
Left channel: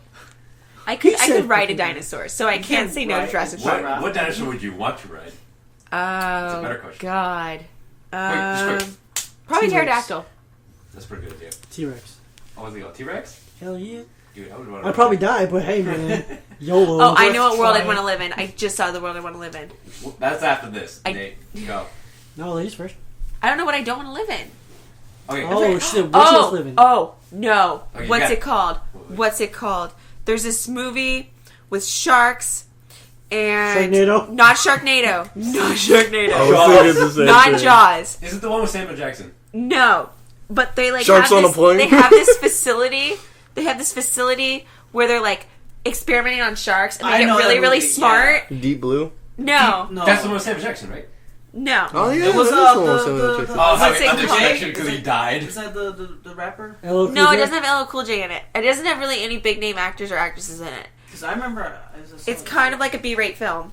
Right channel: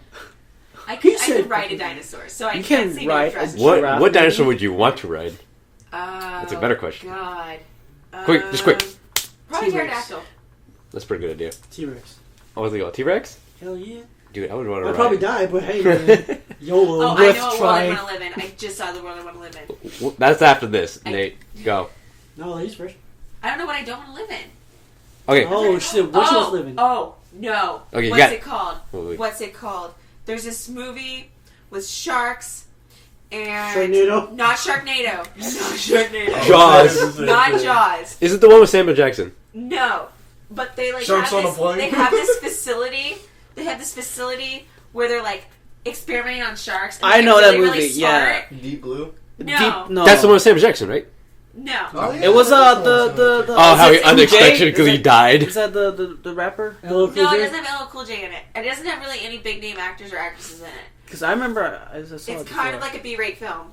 I He could said- ride a dinosaur, so I You can't can't say no to ride a Jurassic what- Park. What dinosaur would you want to ride? Oh, That's a better question. God. Quick, just quick. Probably T-Rex. pterodactyl. That's a pretty good idea. T-Rex. Oh, was it called T-Rex? Hell yeah. Dude, I would want to I'd probably die, but hey, man. YOLO. Oh, I worth know what world I trying. want to live in. I just saw the world I want to live in. That's after this. I- Nate, go. No, ladies first. I don't know what I don't want to live in. Okay. Oh, shit. Which one's living? Oh, no. Okay, you What's got it called? Wait. What's it called? There's this movie with sharks and... Sharknado? Not Sharknado. Not Sharknado. Jaws. Not Jaws. Is it the one with Samuel Jackson? No. But they like Sharks have on a this, plane? they have this facility. They have this facility where they're like experimenting on sharks and they I get know that really, really movie, smart. Deep Blue. No. No. That's the one with Samuel Jackson, right? No. Oh, yeah, It was that is the Oh, how is he it unexpected Jay? because Is he that- died. Is that the rapper? LL Cool No, it J? doesn't have LL Cool J in it. It doesn't have really any big name actors or actresses in it. Because I remember I saw It's it kind before. of like a B-rate film.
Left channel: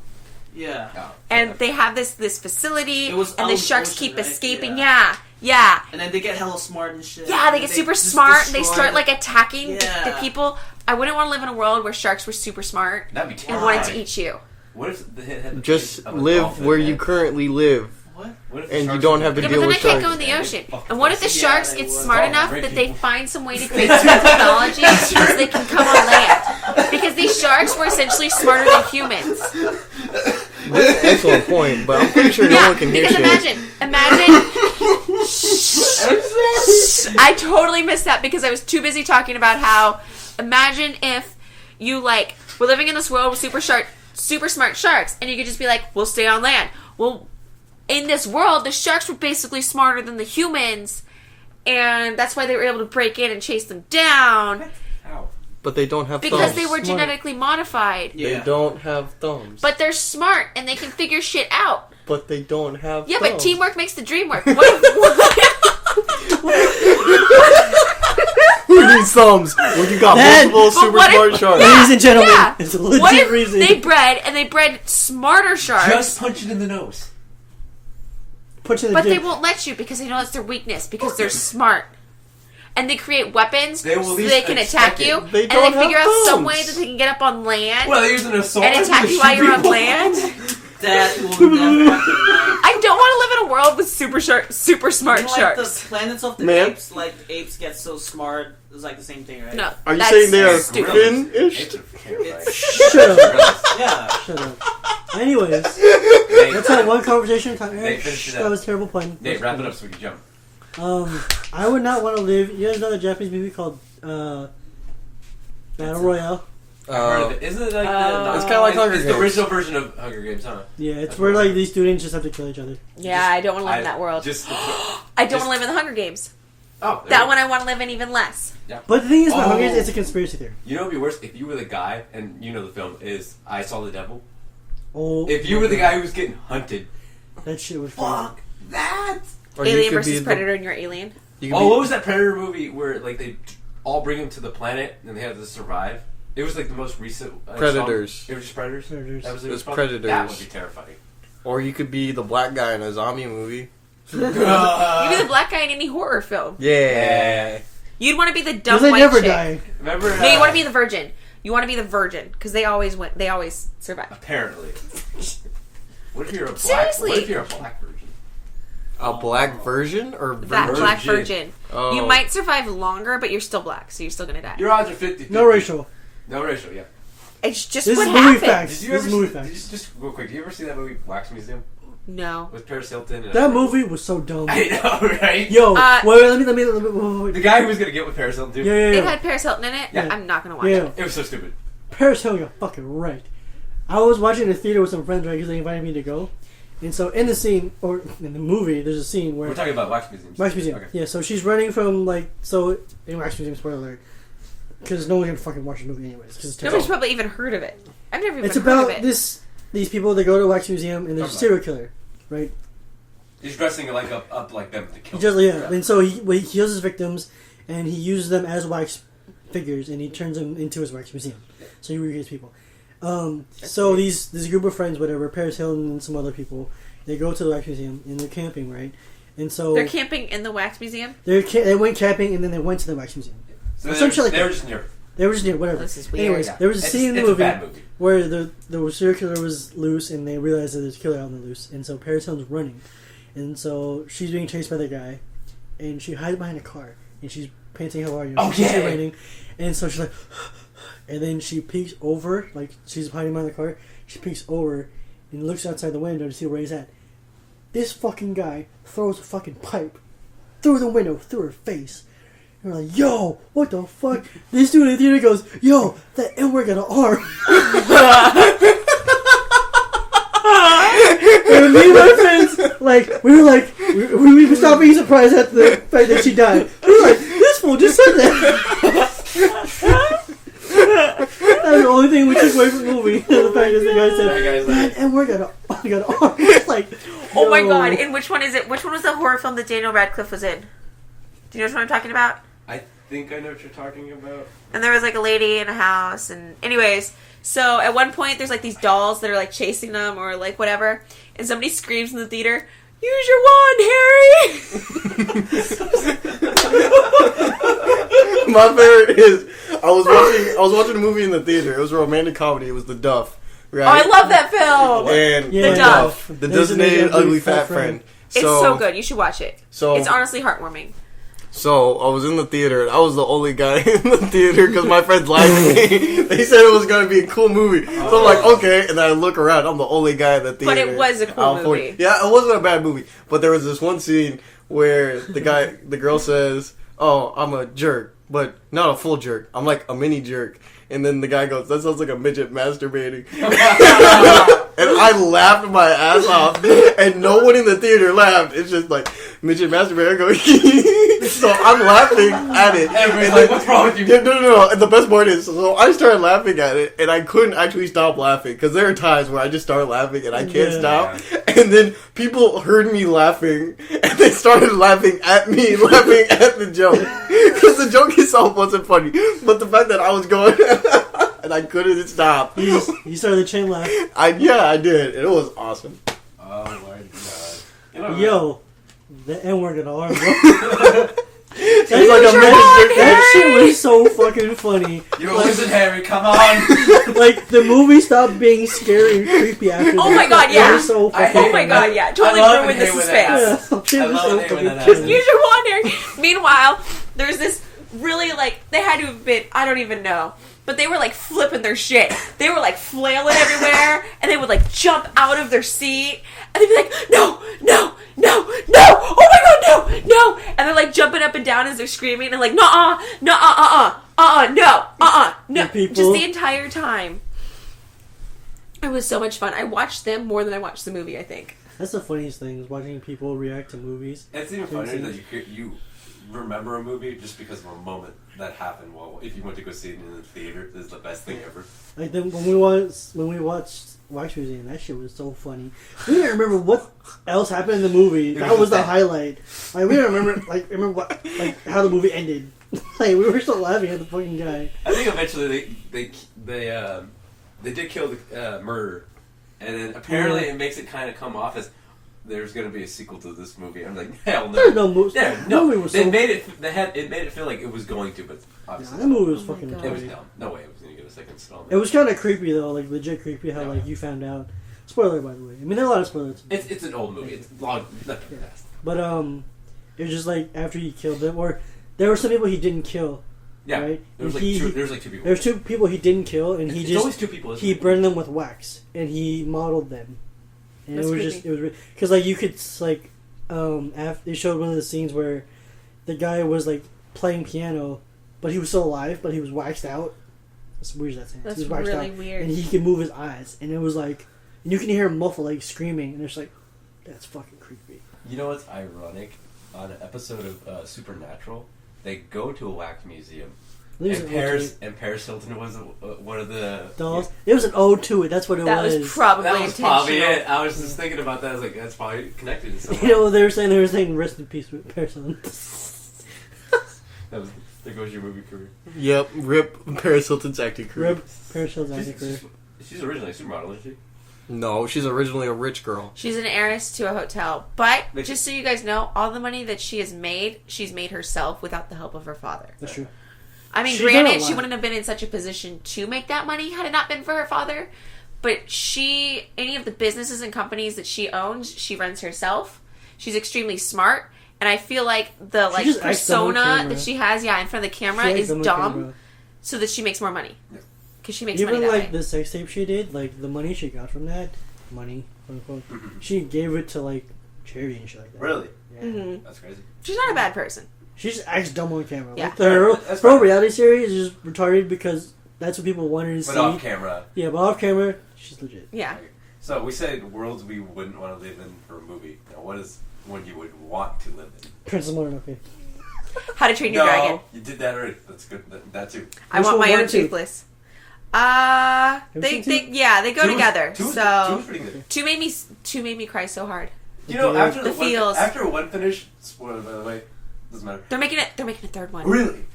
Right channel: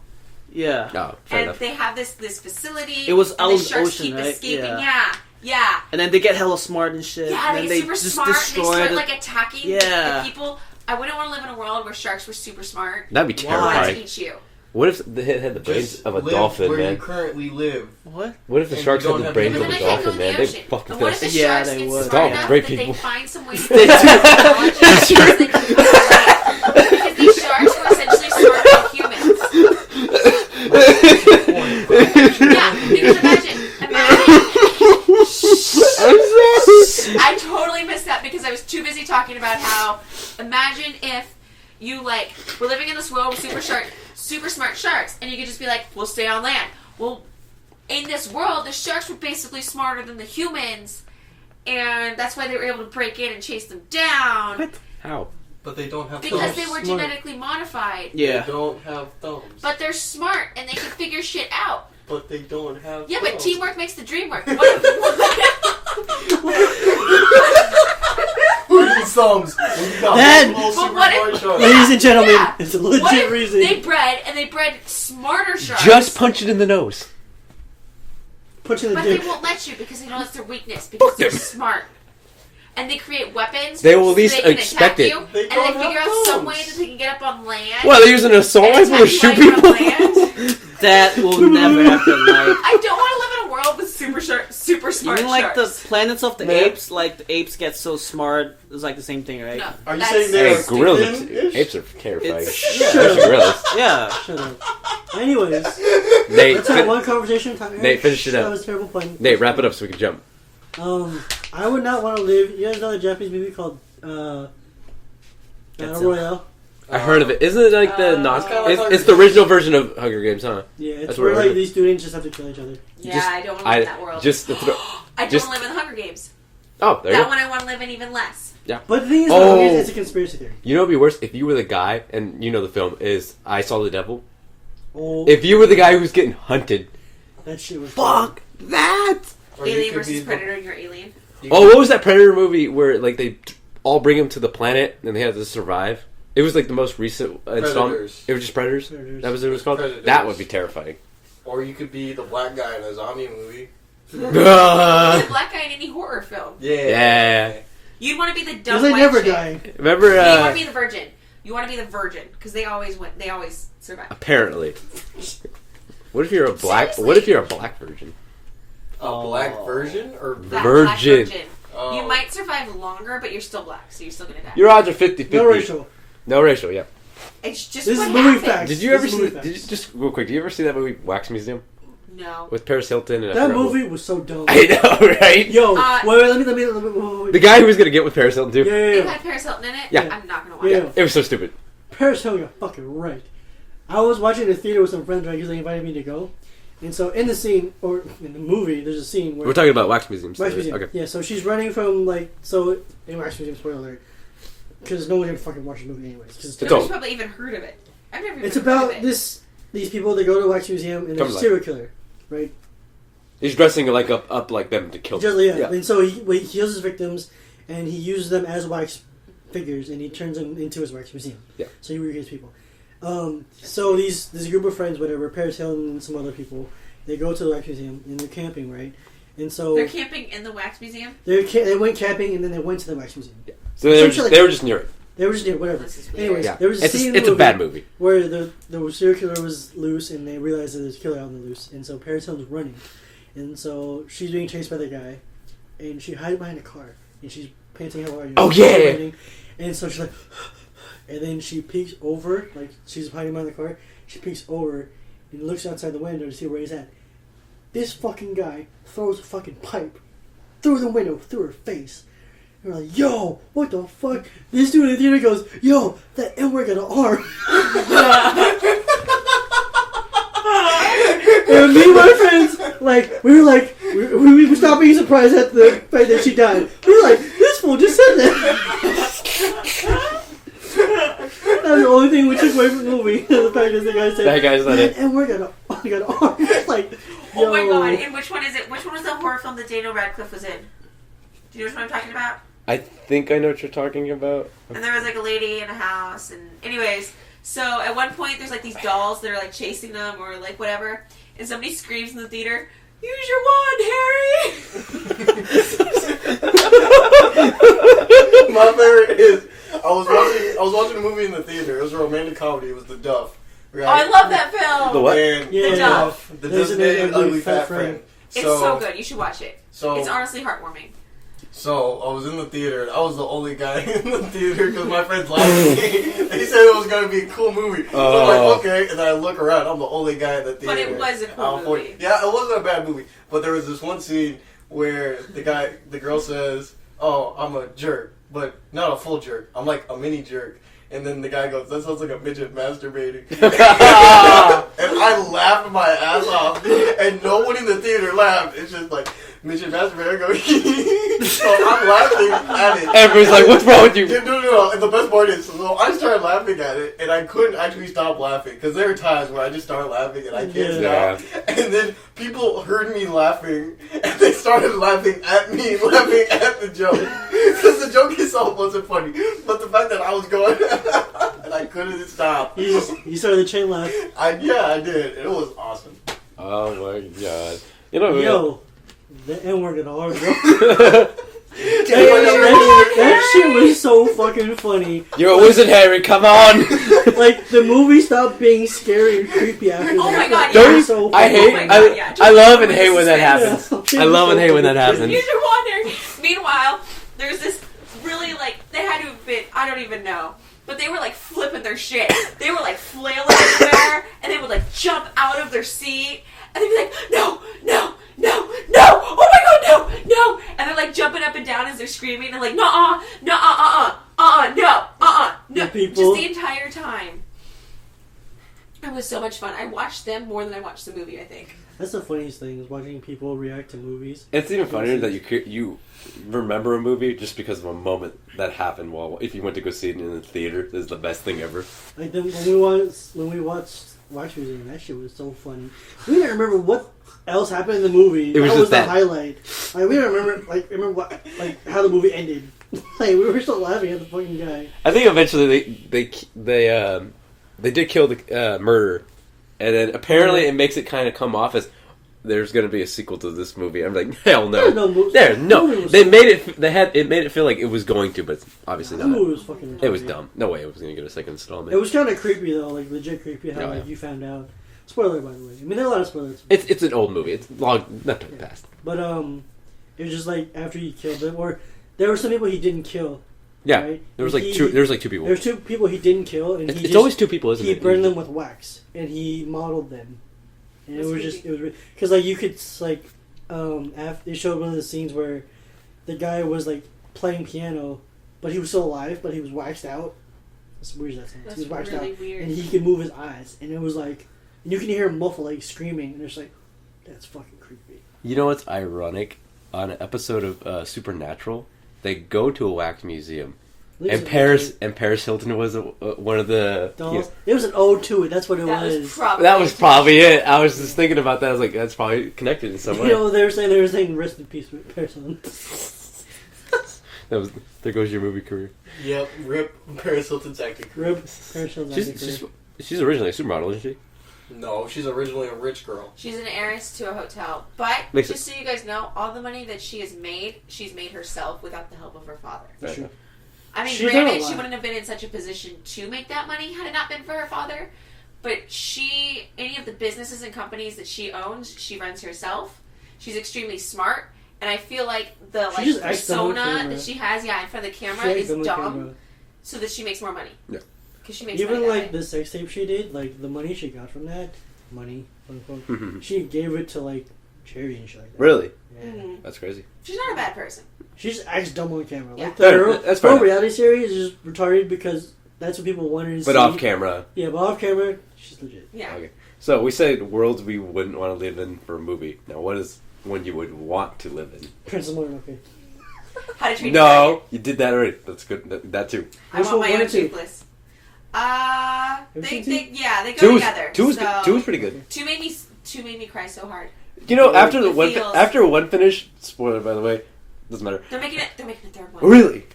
Yeah. No, fair And enough. they have this facility. It was and out the of the sharks ocean, keep right? escaping. Yeah. Yeah. And then they get hella smart and shit. Yeah, they and get super just smart. They destroy start the- like attacking the Yeah. people. I wouldn't want to live in a world where sharks were super smart. That'd be I wanted to terrifying. eat you. What if they had the brains Just of a live dolphin, where man? you currently live. What? What if the and sharks you don't had the have Yeah, to brains but of then a I can't go dolphin, in the man? ocean. They'd fuck And what if the us. Yeah, sharks they get would. smart Oh, enough great that they people. find some way to fix their technology because they can come on land? Because these sharks were essentially smarter than humans. That's the point. But I'm pretty sure no Yeah, one can because hear you. imagine. I totally missed that because I was too busy talking about how. Imagine if you like were living in this world with super smart sharks, and you could just be like, "We'll stay on land." Well, in this world, the sharks were basically smarter than the humans, and that's why they were able to break in and chase them down How? But they don't have because thumbs. they were Smart. genetically modified. Yeah. They don't have thumbs. But they're smart and they can figure shit out. But they don't have Yeah, thumbs. but teamwork makes the dream work. What if, Who needs thumbs? When you got That- multiple But super what smart if- sharks. Ladies and gentlemen, Yeah. it's a what legit if reason. they bred smarter sharks? Just punch it in the nose. Put you in the But they dick. won't let you because they know it's their weakness because they're smart. And they create weapons They will so at least they can expect attack it. you. They And don't they figure have out some thumbs. way that they can get up on land Well, they're using a sword and to attack you shoot while you're on people. land. That will never happen. Like, I don't want to live in a world with super smart even like sharks. the planets of the Man. apes, like the apes get so smart. It's like the same thing, right? No, Are you that's saying they're Hey, stupid. gorillas. Stupid-ish? Apes are terrifying. It's- Shut up. Gorillas. Yeah. Shut up. Anyways, Nate, let's have one conversation. Nate, finish it up. That was a terrible pun. Nate, wrap it up so we can jump. I would not want to live. You guys know the Japanese movie called Battle Royale? I heard of it. Isn't it like the It's not? kinda like It's, Hunger it's the Games. original version of Hunger Games, huh? Yeah, it's That's where what I like heard. these students just have to kill each other. Yeah, I don't want to live in that world. Just the I don't just- want to live in the Hunger Games. oh, there That you one I want to live in even less. But the thing is, Oh. Hunger Games, it's a conspiracy theory. You know what'd be worse if you were the guy, and you know the film is I Saw the Devil. Oh, If you were the guy who was getting hunted, that shit was fuck that. Or you Alien could be versus the- Predator and you're alien. you Oh, could- what was that Predator movie where like they all bring him to the planet and they have to survive? It was like the most recent installment. Predators. It was just Predators. Predators. That was what it was called. Predators. That would be terrifying. Or you could be the black guy in a zombie movie. You'd be the black guy in any horror film. Yeah. You'd want to be the dumb Because they white never chick. die. Remember? No, you want to be the virgin. You want to be the virgin because they always win. They always survive. Apparently. What if you're a black? Seriously? What if you're a black virgin? A black version or That black Virgin. virgin. Oh. You might survive longer, but you're still black, so you're still gonna die. Your odds are 50-50. No racial. No racial. Yeah. It's just This what is movie happens. facts. Did you This ever is see? movie Did you facts. just real quick? Did you ever see that movie Wax Museum No. with Paris Hilton? And That movie was so dumb. I know, right? Yo, Uh, wait, wait. The guy who was gonna get with Paris Hilton too. Yeah, It yeah. had Paris Hilton in it. Yeah. I'm not gonna watch Yeah. it. It was so stupid. Paris Hilton, you're fucking right. I was watching in the theater with some friends, right, because they invited me to go. And so in the scene, or in the movie, there's a scene where... We're talking about Wax Museums. Wax Museum. Okay. Yeah, so she's running from, like... So, in Wax Museum, spoiler alert. Because no one's gonna fucking watch the movie anyways. 'cause it's Nobody's all- probably even heard of it. I've never even It's heard about of it. these people that go to Wax Museum and there's a Talk serial killer, right? He's dressing like up like them to kill them. Yeah. And so he heals his victims, and he uses them as wax figures, and he turns them into his wax museum. Yeah. So he recreates people. So this group of friends, whatever, Paris Hilton and some other people, they go to the wax museum, and they're camping, right? And so they're camping in the wax museum. They went camping, and then they went to the wax museum. Yeah. So they were just near it. They were just near whatever. This is weird. Anyways, Yeah. there was a scene in the movie. It's a bad movie. Where the serial killer was loose, and they realized that there's a killer out on the loose, and so Paris Hilton's running, and so she's being chased by the guy, and she hides behind a car, and she's panting how hard. Raining, and so she's like, and then she peeks over, like she's hiding behind the car. She peeks over and looks outside the window to see where he's at. This fucking guy throws a fucking pipe through the window, through her face. And we're like, yo, what the fuck? This dude in the theater goes, yo, that N-word got an arm. And me and my friends, like, we stopped being surprised at the fact that she died. We were like, this fool just said that. That was the only thing we took away from the movie. The fact that the guy said, that guy said it. N-word got an arm. It's like, Oh my yo. god! And which one is it? Which one was the horror film that Daniel Radcliffe was in? Do you know what I'm talking about? I think I know what you're talking about. And there was like a lady in a house, and anyways, so at one point there's like these dolls that are like chasing them or like whatever, and somebody screams in the theater, "Use your wand, Harry!" My favorite is I was watching a movie in the theater. It was a romantic comedy. It was The Duff. Right? Oh, I love that film. And The Duff. The Designated Ugly Fat Friend. It's so good. You should watch it. So it's honestly heartwarming. So I was in the theater. I was the only guy in the theater because my friends laughed at me. They said it was going to be a cool movie. So I'm like, okay. And then I look around. I'm the only guy in the theater. But it was a cool movie. Yeah, it wasn't a bad movie. But there was this one scene where the girl says, "Oh, I'm a jerk, but not a full jerk. I'm like a mini jerk." And then the guy goes, "That sounds like a midget masturbating." And I laughed my ass off. And no one in the theater laughed. It's just like, midget masturbating. I go, so I'm laughing at it. Everybody's like, what's wrong with you? No. And the best part is, so I started laughing at it. And I couldn't actually stop laughing. Because there are times where I just start laughing and I can't stop. And then people heard me laughing. And they started laughing at me, laughing at the joke. Because the joke itself wasn't funny. But the fact that I was going... and I couldn't stop. You started the chain laugh. I did. It was awesome. Oh my god. You know, Yo, the N-word got an arm, bro. That shit was so fucking funny. You're a wizard, Harry. Come on. Like the movie stopped being scary and creepy after that. Oh my god, That yeah. was so I fucking hate- Oh my god, yeah. I Totally love and ruined hate the when that suspense. happens. I love and hate when that happens. Use your wand, Harry. Meanwhile, there's this really like they had to have been I don't even know. But they were like flipping their shit. They were like flailing everywhere, and they would like jump out of their seat, and they'd be like, "No, no, no, no! Oh my god, no, no!" And they're like jumping up and down as they're screaming, and like, "No, no!" The people- Just the entire time. It was so much fun. I watched them more than I watched the movie. I think. That's the funniest thing is watching people react to movies. It's even funnier that you remember a movie just because of a moment that happened while if you went to go see it in the theater. Is the best thing ever. Like when we watched Wax Museum, that shit was so funny. We didn't remember what else happened in the movie. It was That was just the that. highlight. Like we don't remember what how the movie ended. Like we were still laughing at the fucking guy. I think eventually they did kill the murderer, and then apparently it makes it kind of come off as there's going to be a sequel to this movie. I'm like, hell no. There's no movie. There, no. Movie was They so- made it. It made it feel like it was going to, but obviously That not. movie was fucking. It was retarded. dumb. No way it was going to get a second installment. It was kind of creepy though, like legit creepy how Yeah. like you found out. Spoiler by the way. I mean there are a lot of spoilers. It's an old movie. It's long, not too fast. But it was just like after he killed them, or there were some people he didn't kill. Yeah, Right? there was And like he- two. There was like two people. There's two people he didn't kill, and It's always two people. Isn't he it? burned them with wax, and he modeled them, and That's it was creepy. just it was because like you could like after they showed one of the scenes where the guy was like playing piano, but he was still alive, but he was waxed out. That's weird. That sounds. That's He was waxed really out, weird. and he could move his eyes, and it was like, and you can hear him muffle like screaming, and it's like, that's fucking creepy. You know what's ironic? On an episode of Supernatural, they go to a wax museum, And Paris Hilton was one of the dolls. It was an ode to it. That's what it was. That was probably it. I was just thinking about that. I was like, that's probably connected in some way. You know, they were saying rest in peace with Paris Hilton. There goes your movie career. Yep, rip Paris Hilton's acting career. Rip Paris Hilton's acting career. She's originally a supermodel, isn't she? No, she's originally a rich girl. She's an heiress to a hotel. But, Makes just so you guys know, all the money that she has made, she's made herself without the help of her father. That's true. I mean, She's done a granted, she lot. wouldn't have been in such a position to make that money had it not been for her father. But any of the businesses and companies that she owns, she runs herself. She's extremely smart. And I feel like the just acts on persona camera. that she has, in front of the camera She is acts on the dumb. camera. So that she makes more money. Yeah. Because she makes Even money that like way. the sex tape she did, like the money she got from that, money, quote unquote, she gave it to like charity and shit like that. Really? Yeah. Mhm. That's crazy. She's not a bad person. She just acts dumb on camera. Yeah. Like the That's her fine. reality series is just retarded because that's what people wanted to see. But off camera. Yeah, but off camera, she's legit. Yeah. Okay. So we say worlds we wouldn't want to live in for a movie. Now, what is one you would want to live in? Princess Mononoke. How to Train Your Dragon. No, you did that already. That's good. That too. I Which want one, my one own or two? toothless. you They seen go Two was- together. Two was so pretty good. two made me cry so hard. You know, Yeah. after The feels. after one finish, spoiler by the way, doesn't matter. They're making a third one. Really?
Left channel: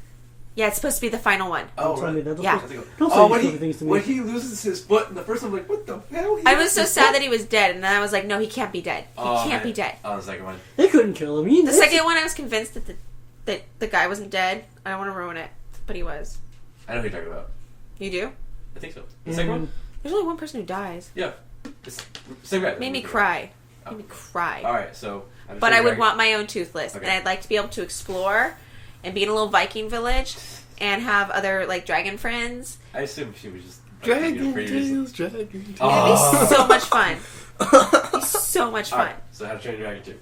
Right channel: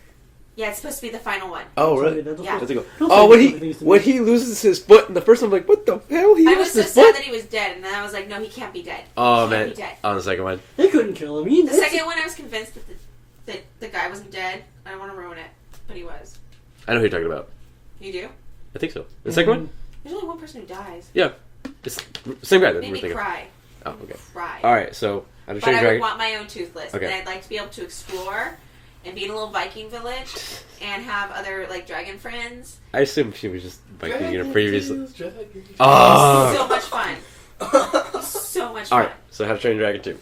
Yeah, it's supposed to be the final one. Oh, Sorry, really? that's Yeah. what- Let's go. Don't Oh, say when different things to me. he loses his foot in the first one, I'm like, what the hell? I was so sad that he was dead, and then I was like, no, he can't be dead. Oh he man! can't be dead. On the second one, They couldn't kill him. The second one, I was convinced that the guy wasn't dead. I don't want to ruin it, but he was. I know who you're talking about. You do? I think so. The second one, There's only one person who dies. yeah, it's same guy. that Made we're me thinking. cry. Oh, Made me okay. cry. All right, so But I would want my own toothless, Okay. and I'd like to be able to explore and be in a little Viking village and have other like dragon friends. I assumed she was just Viking in her previous. It's Oh. so much fun. It's so much All fun. right, so How to Train Your Dragon 2.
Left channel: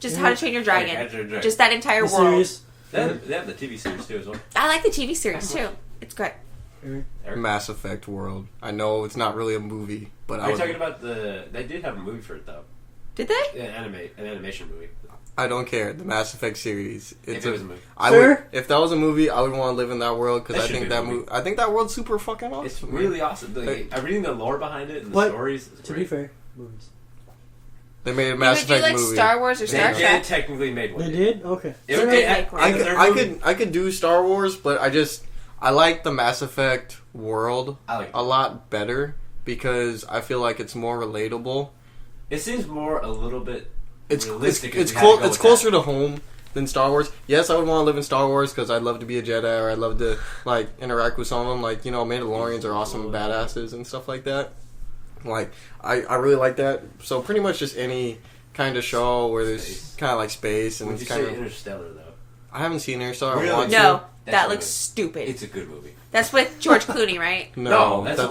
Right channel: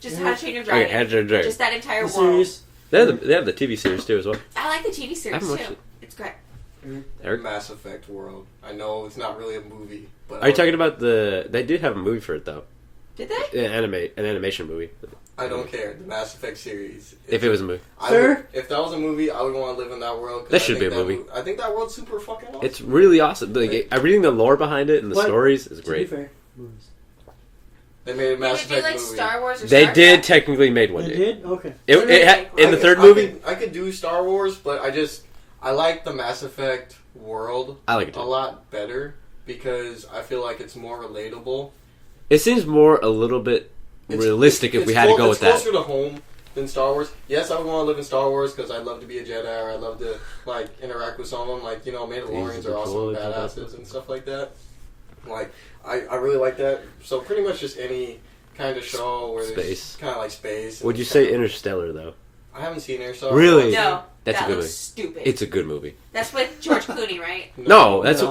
Just How to Train Your Dragon. Okay, How to Train Your Dragon. Just that entire The world. series. They have the TV series too as well. I like the TV series I haven't too. watched it. It's good. Eric? Mass Effect world. I know it's not really a movie, but Are you talking about the? They did have a movie for it though. Did they? An animation movie. I don't care. The Mass Effect series. If it was a movie, If that was a movie, I would want to live in that world. That I should think be a movie. I think that world's super fucking awesome. it's really awesome. Like, reading the lore behind it and the What? stories is To be great. fair, movies. They made a You Mass would do Effect like movie. Star Wars or They Star did Trek? technically made one. They yeah. did? Okay. It, Literally it had, make one. in the third I movie. I could do Star Wars, but I like the Mass Effect world I like it a too. lot better because I feel like it's more relatable. It seems more a little bit realistic if it's we had to go it's with that. closer to home than Star Wars. Yes, I would want to live in Star Wars because I'd love to be a Jedi or I'd love to like interact with someone like Mandalorians are awesome badasses and stuff like that. Like I really like that. So pretty much just any kind of show where there's Space. kind of like space. And Would you it's say kinda- Interstellar though? I haven't seen Interstellar. Really? I want to. No, That's that a good looks movie. stupid. It's a good movie. That's with George Clooney, right? No, that's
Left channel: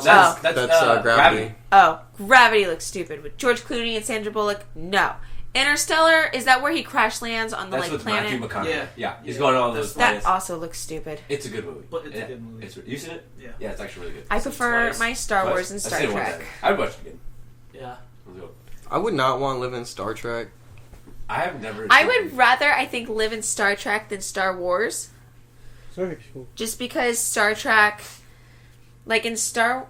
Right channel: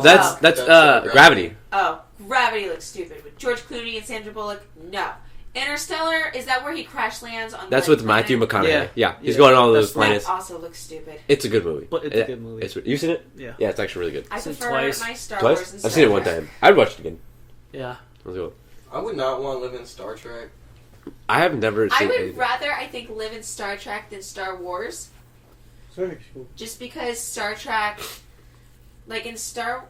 Gravity. Oh, Gravity looks stupid with George Clooney and Sandra Bullock. No, Interstellar, is that where he crash lands on? That's the, like, with Matthew planet? McConaughey. Yeah, he's Yeah. going on all those That's- planets. That also looks stupid. It's a good movie. But it's a good movie. You seen it? Yeah. Yeah, it's actually really good. I Seen prefer twice. my Star Twice? Wars and Star I've seen it Trek. one time. I'd watch it again. Yeah. Let's go. I would not want to live in Star Trek. I have never. I seen would anything. rather, I think, live in Star Trek than Star Wars. Star Trek's cool. Just because Star Trek, like in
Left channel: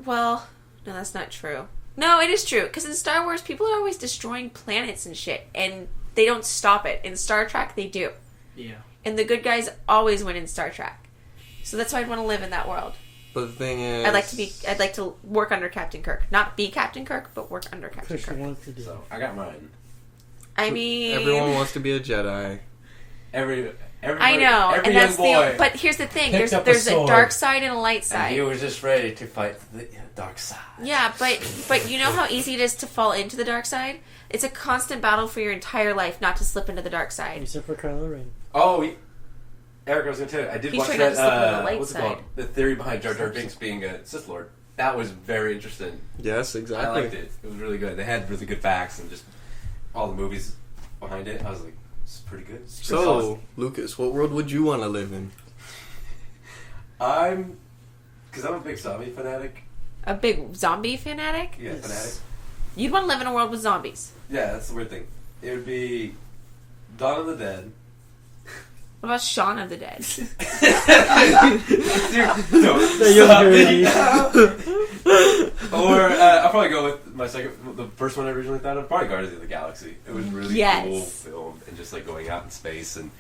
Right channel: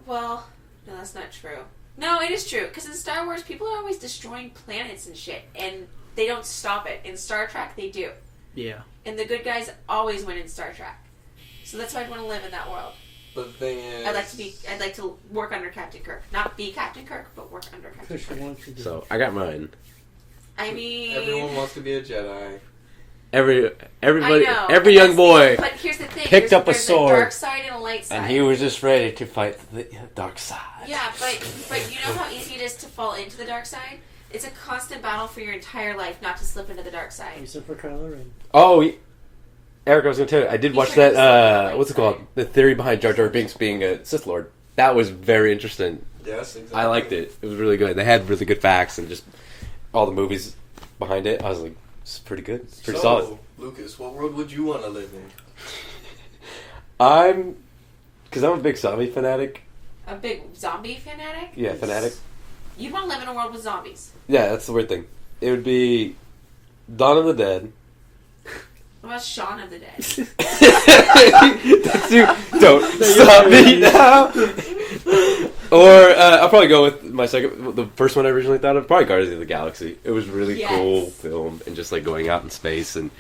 well, no, that's not true. No, it is true. Because in Star Wars, people are always destroying planets and shit. And they don't stop it. In Star Trek, they do. Yeah. And the good guys always win in Star Trek. So that's why I'd want to live in that world. But the thing is, I'd like to work under Captain Kirk. Not be Captain Kirk, but work under Captain Because she Kirk. wants to do So I got mine. I mean, everyone wants to be a Jedi. Everybody, I know. every and young that's boy. but here's the thing: picked up a there's a sword, dark side and a light side. And he was just ready to fight the dark side. Yeah, but you know how easy it is to fall into the dark side? It's a constant battle for your entire life not to slip into the dark side. Except for Kylo Ren. Oh, Eric, I was going to tell you, I did He's watch trying to slip on the that, light what's it called? side. The theory behind Jar Jar Binks being a Sith Lord. That was very interesting. Yes, exactly. I liked it. It was really good. They had really good facts and just all the movies behind it. I was like, it's pretty good. It's pretty solid. So, Lucas, what world would you want to live in? Because I'm a big zombie fanatic. A big zombie fanatic? Yeah, Yes. fanatic. You'd want to live in a world with zombies. Yeah, that's the weird thing. It would be Dawn of the Dead, What about Shaun of the Dead? Dude, don't stop me now. Or I'll probably go with my second, the first one I originally thought of, probably Guardians of the Galaxy. It was really cool film, and just like going out in space and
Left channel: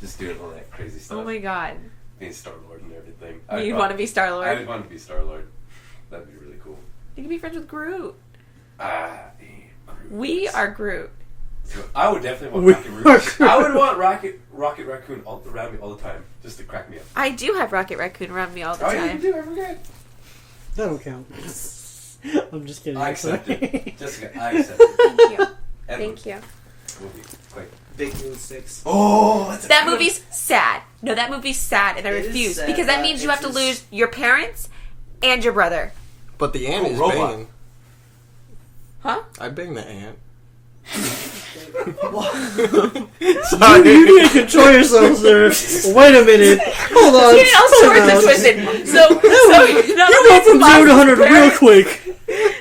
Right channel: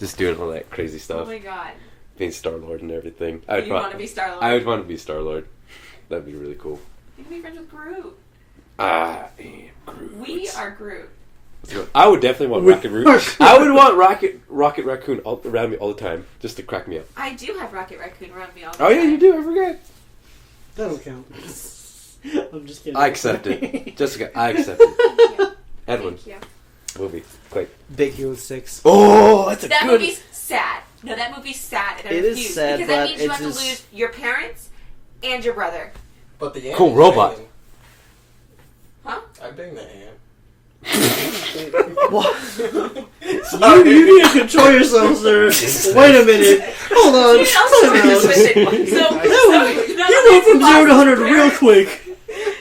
just doing all that crazy stuff. Oh my god. Being Star-Lord and everything. You want to be Star-Lord? I would want to be Star-Lord. That'd be really cool. You can be friends with Groot. I am Groot. We are Groot. I would definitely want Rocket Raccoon. I would want Rocket Raccoon around me all the time, just to crack me up. I do have Rocket Raccoon around me all the Oh time. yeah, you do. I forget. That don't count. I'm just kidding. I accept it, Jessica. I accept it. Thank you. Edwin, Thank you. movie, quick. Big Hero 6. Oh, that's a That good... movie's sad. No, that movie's sad, and I It is refuse sad, because that but means you it have to just- lose your parents and your brother. But the ant Cool is robot. banging. Huh? I bang the ant. You need to control yourself, sir. Wait a minute. Hold on. You know, Time stories are out. twisted. You went from 0 to 100 real quick.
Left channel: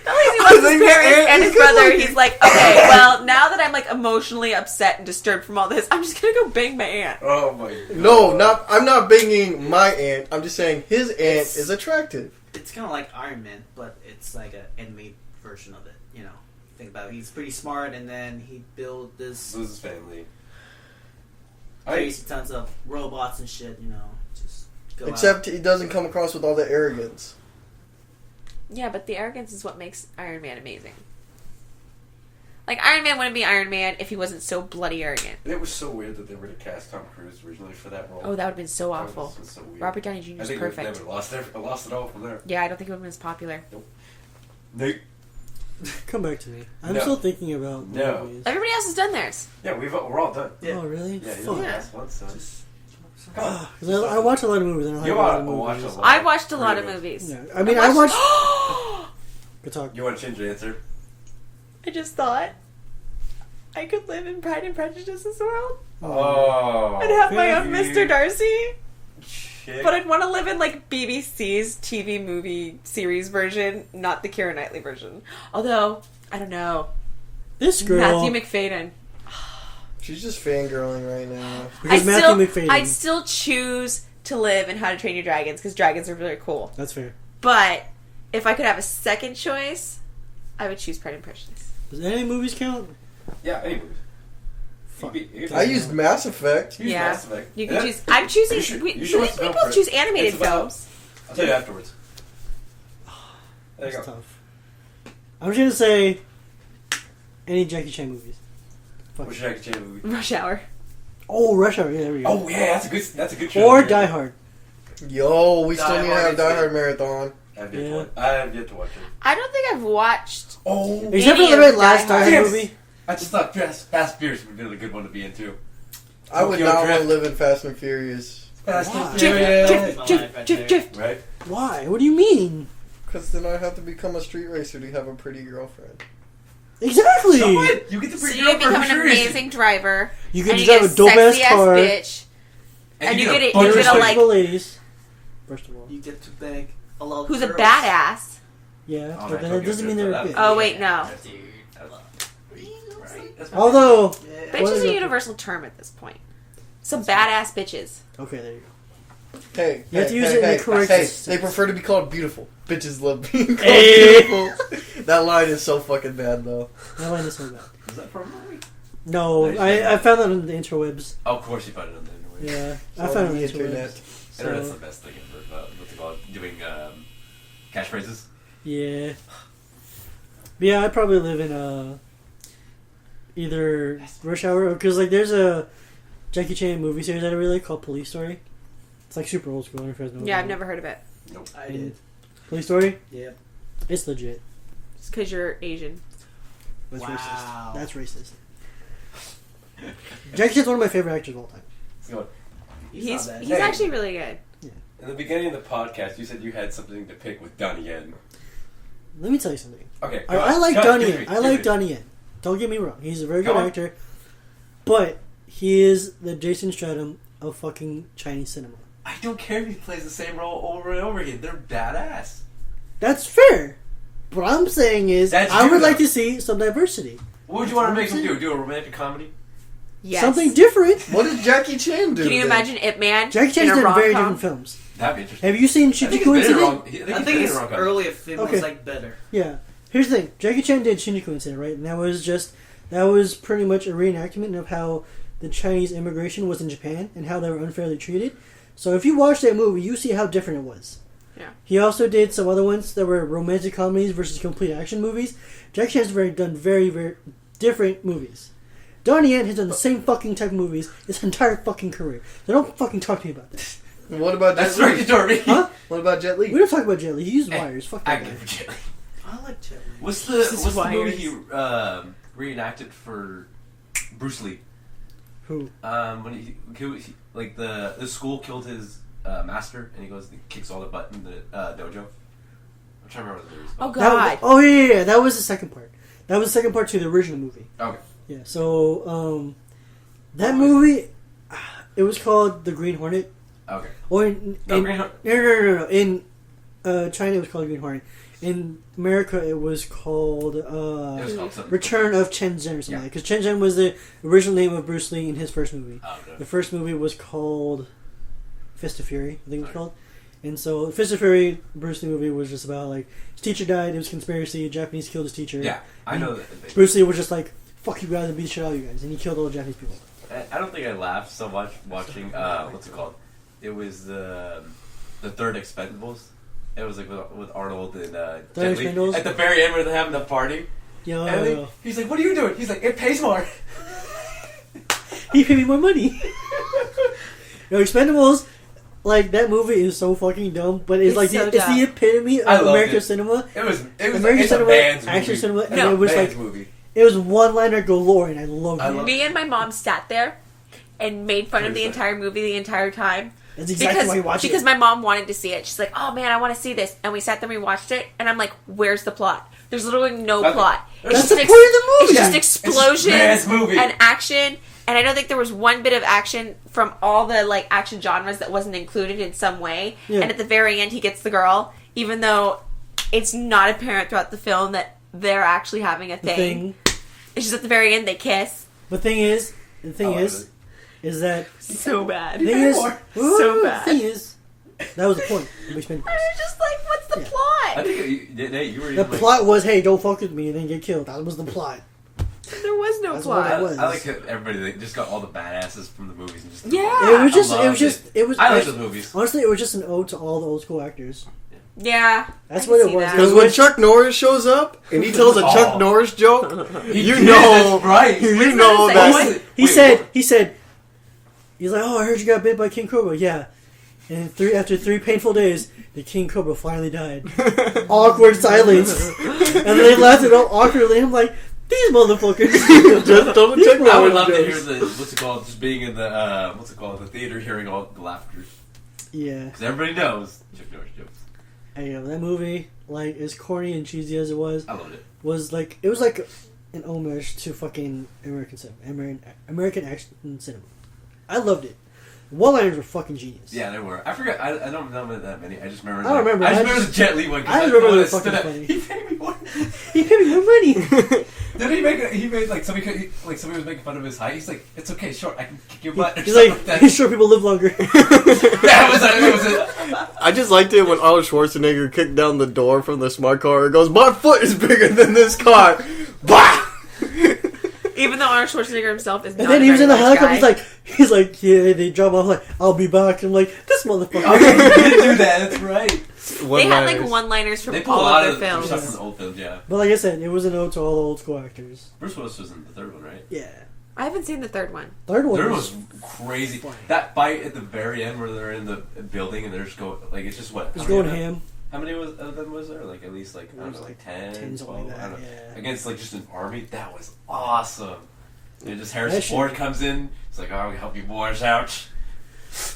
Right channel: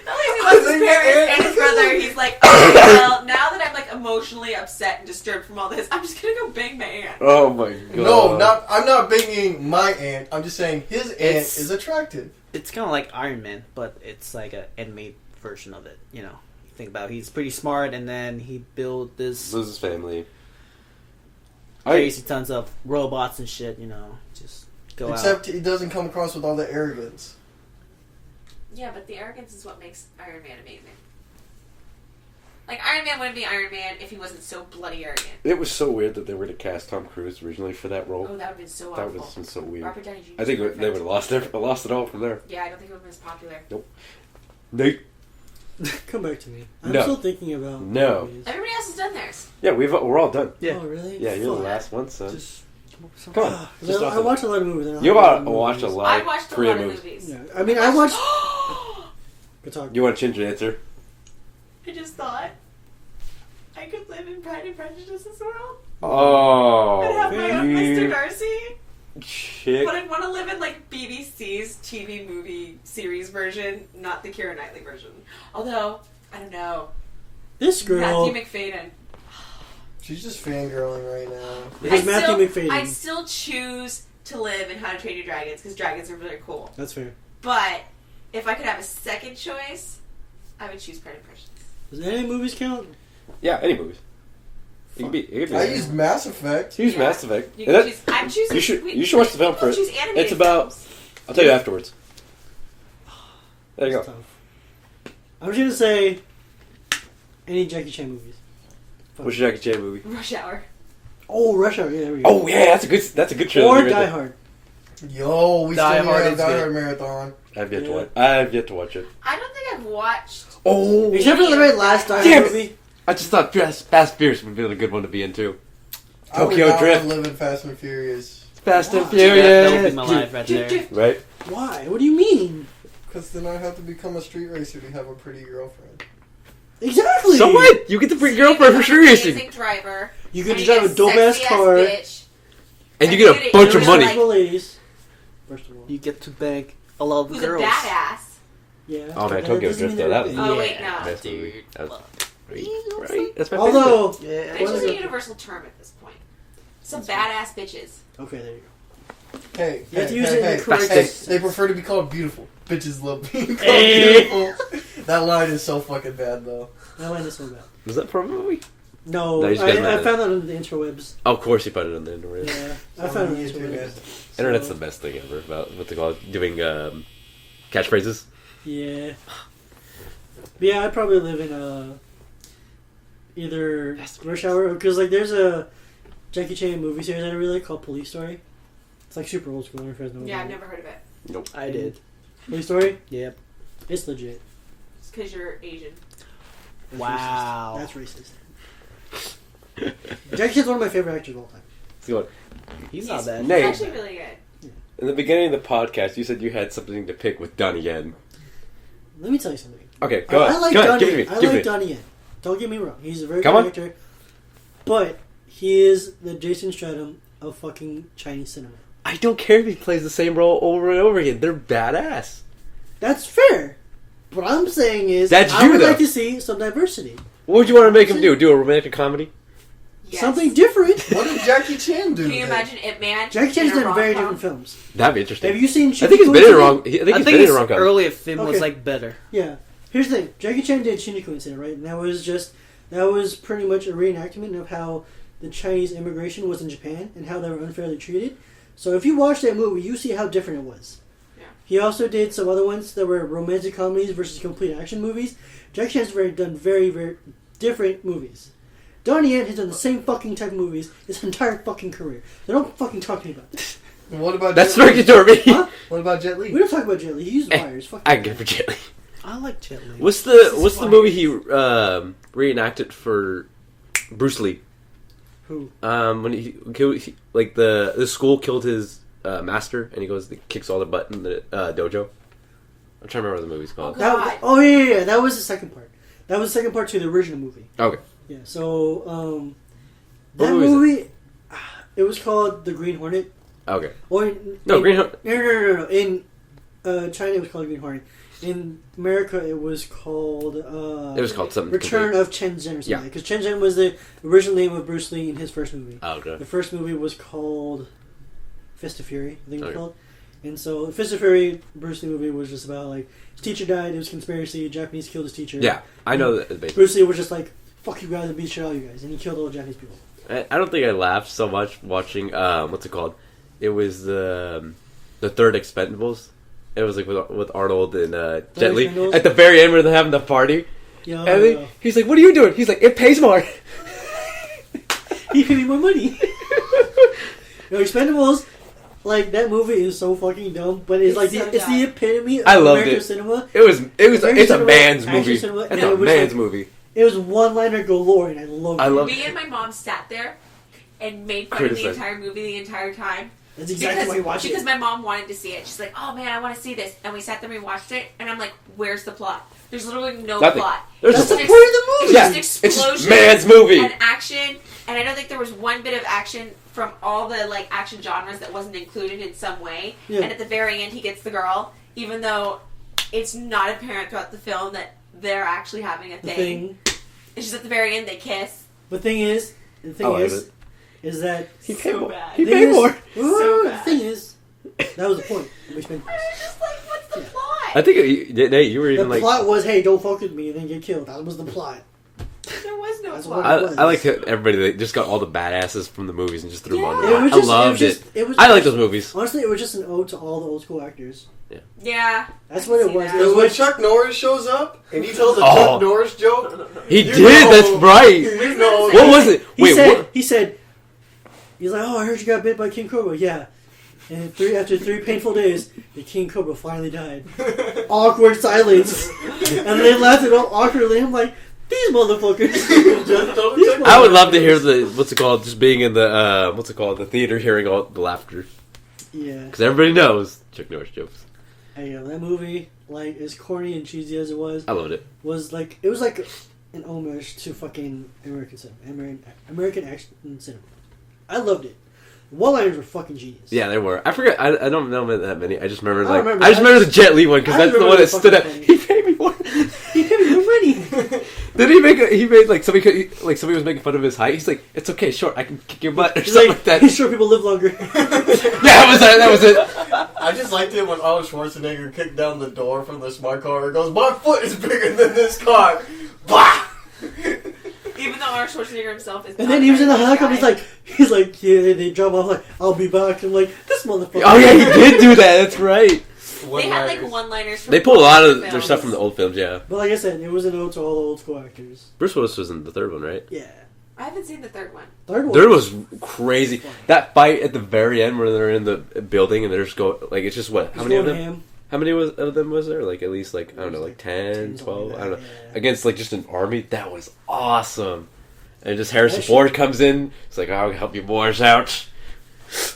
Not only he loves his parents and his brother, he's like, okay, well, now that I'm like emotionally upset and disturbed from all this, I'm just gonna go bang my aunt. Oh my god. No, I'm not banging my ant. I'm just saying his aunt is attractive. It's kind of like Iron Man, but it's like an animated version of it. You know, think about it. He's pretty smart, and then he built this Loses family. crazy tons of robots and shit. You know, just go Except out. he doesn't come across with all the arrogance. Yeah, but the arrogance is what makes Iron Man amazing. Like, Iron Man wouldn't be Iron Man if he wasn't so bloody arrogant. It was so weird that they were to cast Tom Cruise originally for that role. Oh, that would have been so That awful. would have been so weird. Robert Downey Jr. I is think they perfect. would have lost it all from there. Yeah, I don't think it would have been as popular. They, Come back to me. I'm No. still thinking about No. movies. Everybody else has done theirs. yeah, we're all done. Yeah. Oh, really? Yeah, you're Fuck. the last one, so Just come on. 'Cause I watch a lot of movies. I don't You have a lot of watched a movies. lot. I watched a lot of Korean movies. Yeah, I mean, I watched. Good talk. You want to change your answer? I just thought I could live in Pride and Prejudice's world. Oh. I'd have my own you Mr. Darcy. Shit. But I'd want to live in, like, BBC's TV movie series version, not the Keira Knightley version. Although, I don't know. This girl. Matthew McFadden. She's just fangirling right now. Because Matthew McFadden. I'd still choose to live in How to Train Your Dragons, because dragons are really cool. That's fair. But if I could have a second choice, I would choose Pride and Prejudice. Does any movies count? Yeah, any movies. Fuck. I used Mass Effect. Use Yeah. Mass Effect. You And can that- choose. I'm choosing. you should- we, you should watch the film people first. choose animated It's about- films. I'll tell you afterwards. There you That's go. tough. I'm just gonna say any Jackie Chan movies. Fuck. What's your Jackie Chan movie? Rush Hour. Oh, Rush Hour. Yeah, there we go. Oh yeah, that's a good show. Or Die Hard. Yo, we Die still Hard need a is Die good. Hard marathon. I've yet Yeah. to watch. I've yet to watch it. I don't think I've watched. Oh, Except for Any the very of last Die Die Hard. Hard Damn it. movie. I just thought Fast Furious would be a good one to be into. I would Tokyo not Drift. want to live in Fast and Furious. Fast Why? and that would Furious. be my life right there. Drift. Right? Why? What do you mean? Because then I have to become a street racer to have a pretty girlfriend. Exactly. So what? You get the So free you girlfriend for become sure an racing. amazing driver. You and get to you drive get a dope ass sexy-ass car. bitch. And And you you get a get it- bunch you're of gonna, money. like- Like, ladies. First of all. You get to beg a lot of Who's girls. a badass? Yeah. Oh, but man, that Tokyo doesn't mean Drift, they're though, a that bitch. Oh, wait, no. That's Dude. right? That's my Although. Yeah. Bitch is a universal term at this point. Some badass bitches. Okay, there you go. Hey, You have to hey, use hey, it in the hey, correct hey, sense. they prefer to be called beautiful. Bitches love being called Hey. beautiful. That line is so fucking bad, though. That line is so bad. Is that from a movie? No, No, you just I got found that on the interwebs. Oh, of course you put it on the internet. Yeah, I found it on the interwebs. So, Internet's the best thing ever about what they call it, doing catchphrases. Yeah. But yeah, I'd probably live in either Rush Hour, because like there's a Jackie Chan movie series that I really like called Police Story. It's like super old school. I don't know if you guys know Yeah, about I've it. never heard of it. I did. Police Story? Yep. It's legit. It's because you're Asian. That's Wow. racist. That's racist. Jackie Chan's one of my favorite actors of all time. So, He's not bad. He's Nate. actually really good. in the beginning of the podcast, you said you had something to pick with Donnie Yen. Let me tell you something. Okay, I go on. like Go on, Donnie give Yen. it, I give like it. Donnie Yen. Don't get me wrong. He's a very Come good on. actor. But he is the Jason Statham of fucking Chinese cinema. I don't care if he plays the same role over and over again. They're badass. That's fair. What I'm saying is, That's I you, would though. like to see some diversity. What would you want to make him do? Do a romantic comedy? Yes. something different. What did Jackie Chan do? Can you then? imagine Ip Man? Jackie Chan's in a done very rom-com? different films. That'd be interesting. Have you seen I Shinjuku think he's been in Incident? wrong. I think I he's think been in his wrong. earlier film Okay. was like better. Yeah. Here's the thing. Jackie Chan did Shinjuku Incident, right? And that was pretty much a reenactment of how the Chinese immigration was in Japan and how they were unfairly treated. So if you watch that movie, you see how different it was. Yeah. He also did some other ones that were romantic comedies versus complete action movies. Jackie Chan's done very, very different movies. Donnie Yen has done the same fucking type of movies his entire fucking career. So don't fucking talk to me about this. What about That's Jet Li? derogatory. Huh? What about Jet Li? We don't talk about Jet Li. He used wires. Fuck I that get guy. for Jet Li. I like Jet Li. What's Jesus the movie wires. he reenacted for Bruce Lee? Who? When he killed, the school killed his master, and he goes and kicks all the butt in the dojo. I'm trying to remember what the movie's called. Oh, God. Yeah. That was the second part. That was the second part to the original movie. Okay. Yeah. So that What movie is movie, it was called The Green Hornet. Okay. Or Green Hornet. No. In China, it was called Green Hornet. In America, it was called. It was called something. Return of Chen Zhen or something. Yeah. Because Chen Zhen was the original name of Bruce Lee in his first movie. Oh, okay. The first movie was called Fist of Fury, I think it was Okay. called. And so Fist of Fury, Bruce Lee movie was just about like his teacher died, it was a conspiracy, Japanese killed his teacher. Yeah, I know that. Basically. Bruce Lee was just like, fuck you guys and beat shit out of you guys, and he killed all the Japanese people. I don't think I laughed so much watching. What's it called? It was the third Expendables. It was like with Arnold and Jet Li Expendables? at the very end where they're having the party. Yeah, And then he's like, "What are you doing?" He's like, "It pays more." he paid me more money. No, Expendables, like that movie is so fucking dumb, but it's like so it's the dumb. epitome of I loved American it. cinema. It's a cinema, man's action movie. cinema, and No. it was man's like movie. it was one-liner galore, and I loved it. love Me and my mom sat there and made fun of the Criticized. entire movie the entire time. That's exactly why you watch because it. my mom wanted to see it. She's like, "Oh man, I want to see this," and we sat there and we watched it. And I'm like, "Where's the plot? There's literally no Nothing. plot. There's That's just the an point of the movie. It's just Yeah. explosions It's man's movie. and action." And I don't think there was one bit of action from all the like action genres that wasn't included in some way. Yeah. And at the very end, he gets the girl, even though it's not apparent throughout the film that they're actually having a The thing. thing, It's just at the very end they kiss. the thing is that So bad. the thing is, So bad. The thing is, that was the point. We spent I was just like, "What's the Yeah. plot?" I think you were the even like. plot was, hey, don't fuck with me and then get killed. That was the plot. There was no That's plot. what it was. I like how everybody they just got all the badasses from the movies and just threw them Yeah. on. It was I just, loved I like those movies. Honestly, it was just an ode to all the old school actors. Yeah. That's I what can it see was. that. It Because was when Chuck Norris shows up and he tells a Oh. Chuck Norris joke, He you did. know- That's right. you What's know that What say? was it? He Wait, said, what? he's like, oh, I heard you got bit by King Cobra. Yeah. And after three painful days, the King Cobra finally died. Awkward silence. And they laughed it all awkwardly. I'm like, these motherfuckers. I would love to hear just being in the the theater, hearing all the laughter, Yeah. because everybody knows Chuck Norris jokes. Hey, that movie, like, as corny and cheesy as it was I loved it. like, it was like an homage to fucking American cinema. American action cinema. I loved it. One-liners were fucking genius. Yeah, there were. I forget. I don't know that many. I just remember. I remember. I just remember the Jet Li one because I that's the remember one that the stood out. fucking He paid me more. He paid me more money. Then he made like somebody was making fun of his height. He's like, "It's okay, sure, I can kick your butt." Or He's something like, like that. he's sure people live longer. Yeah, that was it. I just liked it when Arnold Schwarzenegger kicked down the door from the smart car and goes, "My foot is bigger than this car." Bah! Even though Arnold Schwarzenegger himself is And not then a he was in the very nice helicopter. guy. He's like, yeah. They drop off like, I'll be back. I'm like, this motherfucker. Oh yeah, he did do that. That's right. They had like one-liners from They pull a all lot their of their films. stuff from the old films. Yeah, But like I said, it was an ode to all the old school actors. Bruce Willis was in the third one, right? Yeah. I haven't seen the third one. Third one. Third was crazy. Funny. That fight at the very end where they're in the building and they're just going like it's just what? He's How many going of them? ham. How many of them was there? Like at least like I don't know, like 10, 10, 12, something I don't like know. that, yeah. Against like just an army, that was awesome. And just Harrison That shit- Ford comes in. It's like, I'll help you boys out.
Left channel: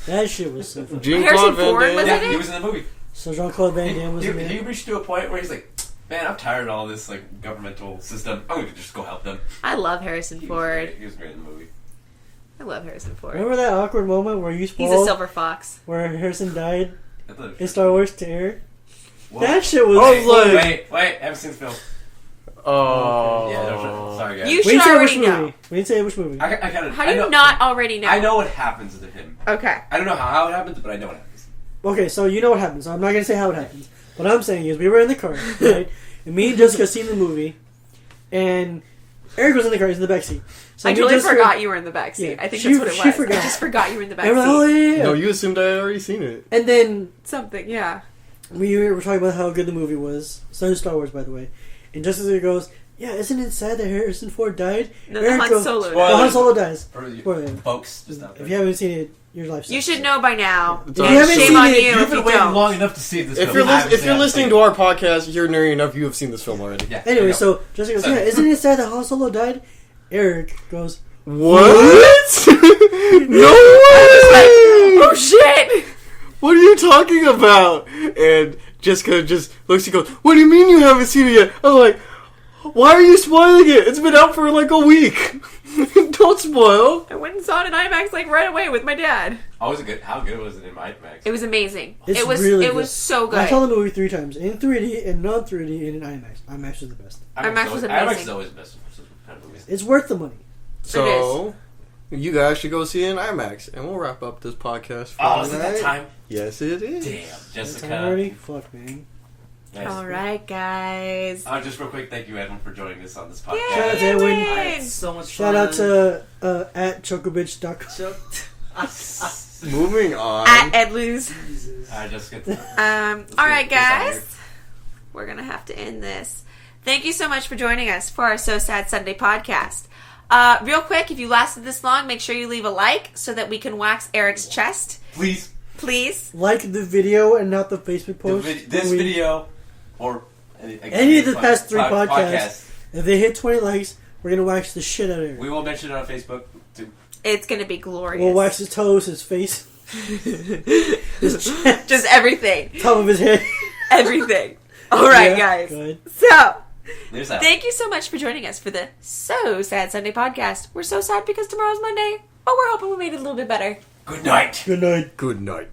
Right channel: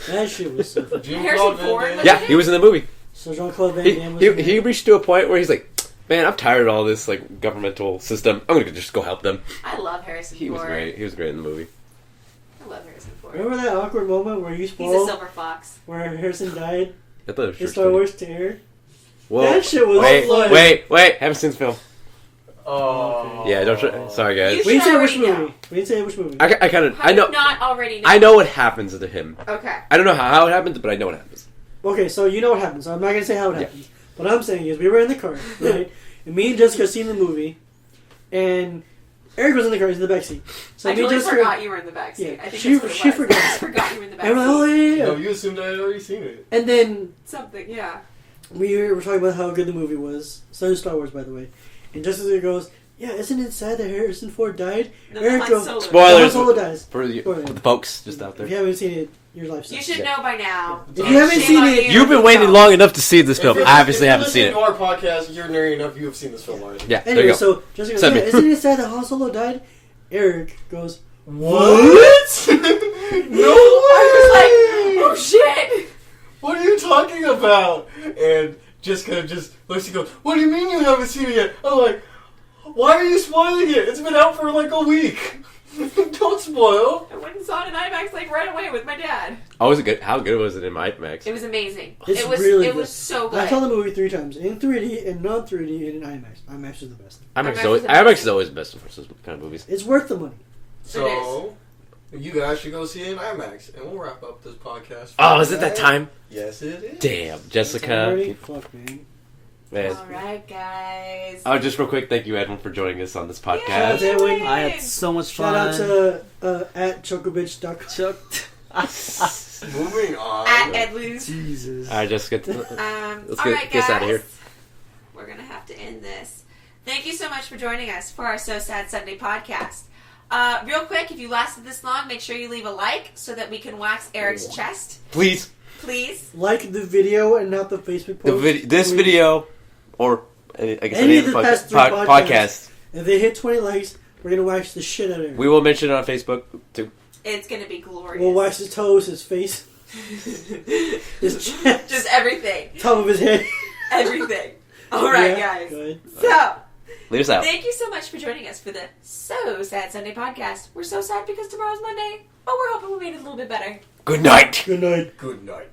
That shit was so funny. Harrison Ford was Yeah, in it? he was in the movie. So Jean-Claude Van Damme was in He it. reached to a point where he's like, man, I'm tired of all this like governmental system. I'm gonna just go help them. I love Harrison He was Ford. great. He was great in the movie. I love Harrison Ford. Remember that awkward moment where you He's a spoiled silver fox. where Harrison died I thought it was in Star Wars to air? Whoa. That shit was Wait, like... wait, haven't seen the film. Oh. Yeah, don't try. Sorry, guys. You We should didn't say which already know. movie. We didn't say which movie. I kind of. How I do know. you not already know? I know what happens to him. Okay. I don't know how it happens, but I know what happens. Okay, so you know what happens. So I'm not gonna say how it happens. What I'm saying is, we were in the car, right? And me and Jessica seen the movie, and Eric was in the car. He's in the back seat. So I me and totally Jessica, forgot you were in the backseat. Yeah, I think she- that's what it she was. forgot. I just forgot you were in the backseat. and we're like, oh yeah. No, you assumed I had already seen it. And then Something, yeah. we were talking about how good the movie was. So Star Wars, by the way. And Jessica goes, "Yeah, isn't it sad that Harrison Ford died?" No, Eric Han goes, Solo. Spoiler. "Oh, Han Solo dies." For the Spoiler. folks just out If there. you haven't seen it, your life You sucks. should know by now. If you haven't Shame seen on it, you You've if been you waiting don't. long enough to see this If film. you're, I obviously if you're haven't seen listening it. to our podcast, you're nerdy enough. You have seen this film already. Yeah. there Anyway, you go. so Jessica goes, Send "Yeah, me. isn't it sad that Han Solo died?" Eric goes, What? No way! Oh shit! What are you talking about? And Jessica just looks and goes, "What do you mean you haven't seen it yet?" I'm like, "Why are you spoiling it? It's been out for like a week. Don't spoil." I went and saw it in IMAX like right away with my dad. Oh, was it good? How good was it in IMAX? It was amazing. It's it was really it good. was so I saw good. the movie 3 times. In 3D, in non-3D, and in IMAX. IMAX is the best. IMAX was IMAX amazing. is always the best for those kind of movies. It's worth the money. So, you guys should go see it in IMAX, and we'll wrap up this podcast. Oh, is it that time? Yes, it is. Damn, Time Jessica. already? Fuck, man. Man. All right, guys. Oh, just real quick, thank you, Edwin, for joining us on this podcast. Shout out to Edwin. I had so much Shout fun. out to at chocobitch.com. Moving on. At Ed Lose. Jesus. All right, Jessica. All get right, this outta here. guys. We're gonna have to end this. Thank you so much for joining us for our So Sad Sunday podcast. Real quick, if you lasted this long, make sure you leave a like so that we can wax Eric's chest. Please, Please. Like the video and not the Facebook post. this video, or Any of the past 3 podcasts. podcasts, If they hit 20 likes, we're going to wax the shit out of Eric. we will mention it on Facebook too. It's gonna be glorious. We'll wax his toes, his face, his chest, Just everything. top of his head. Everything. All right, Yeah, guys. Good. So, Leave us out. thank you so much for joining us for the So Sad Sunday podcast. We're so sad because tomorrow's Monday, but we're hoping we made it a little bit better. Good night. Good night. Good night.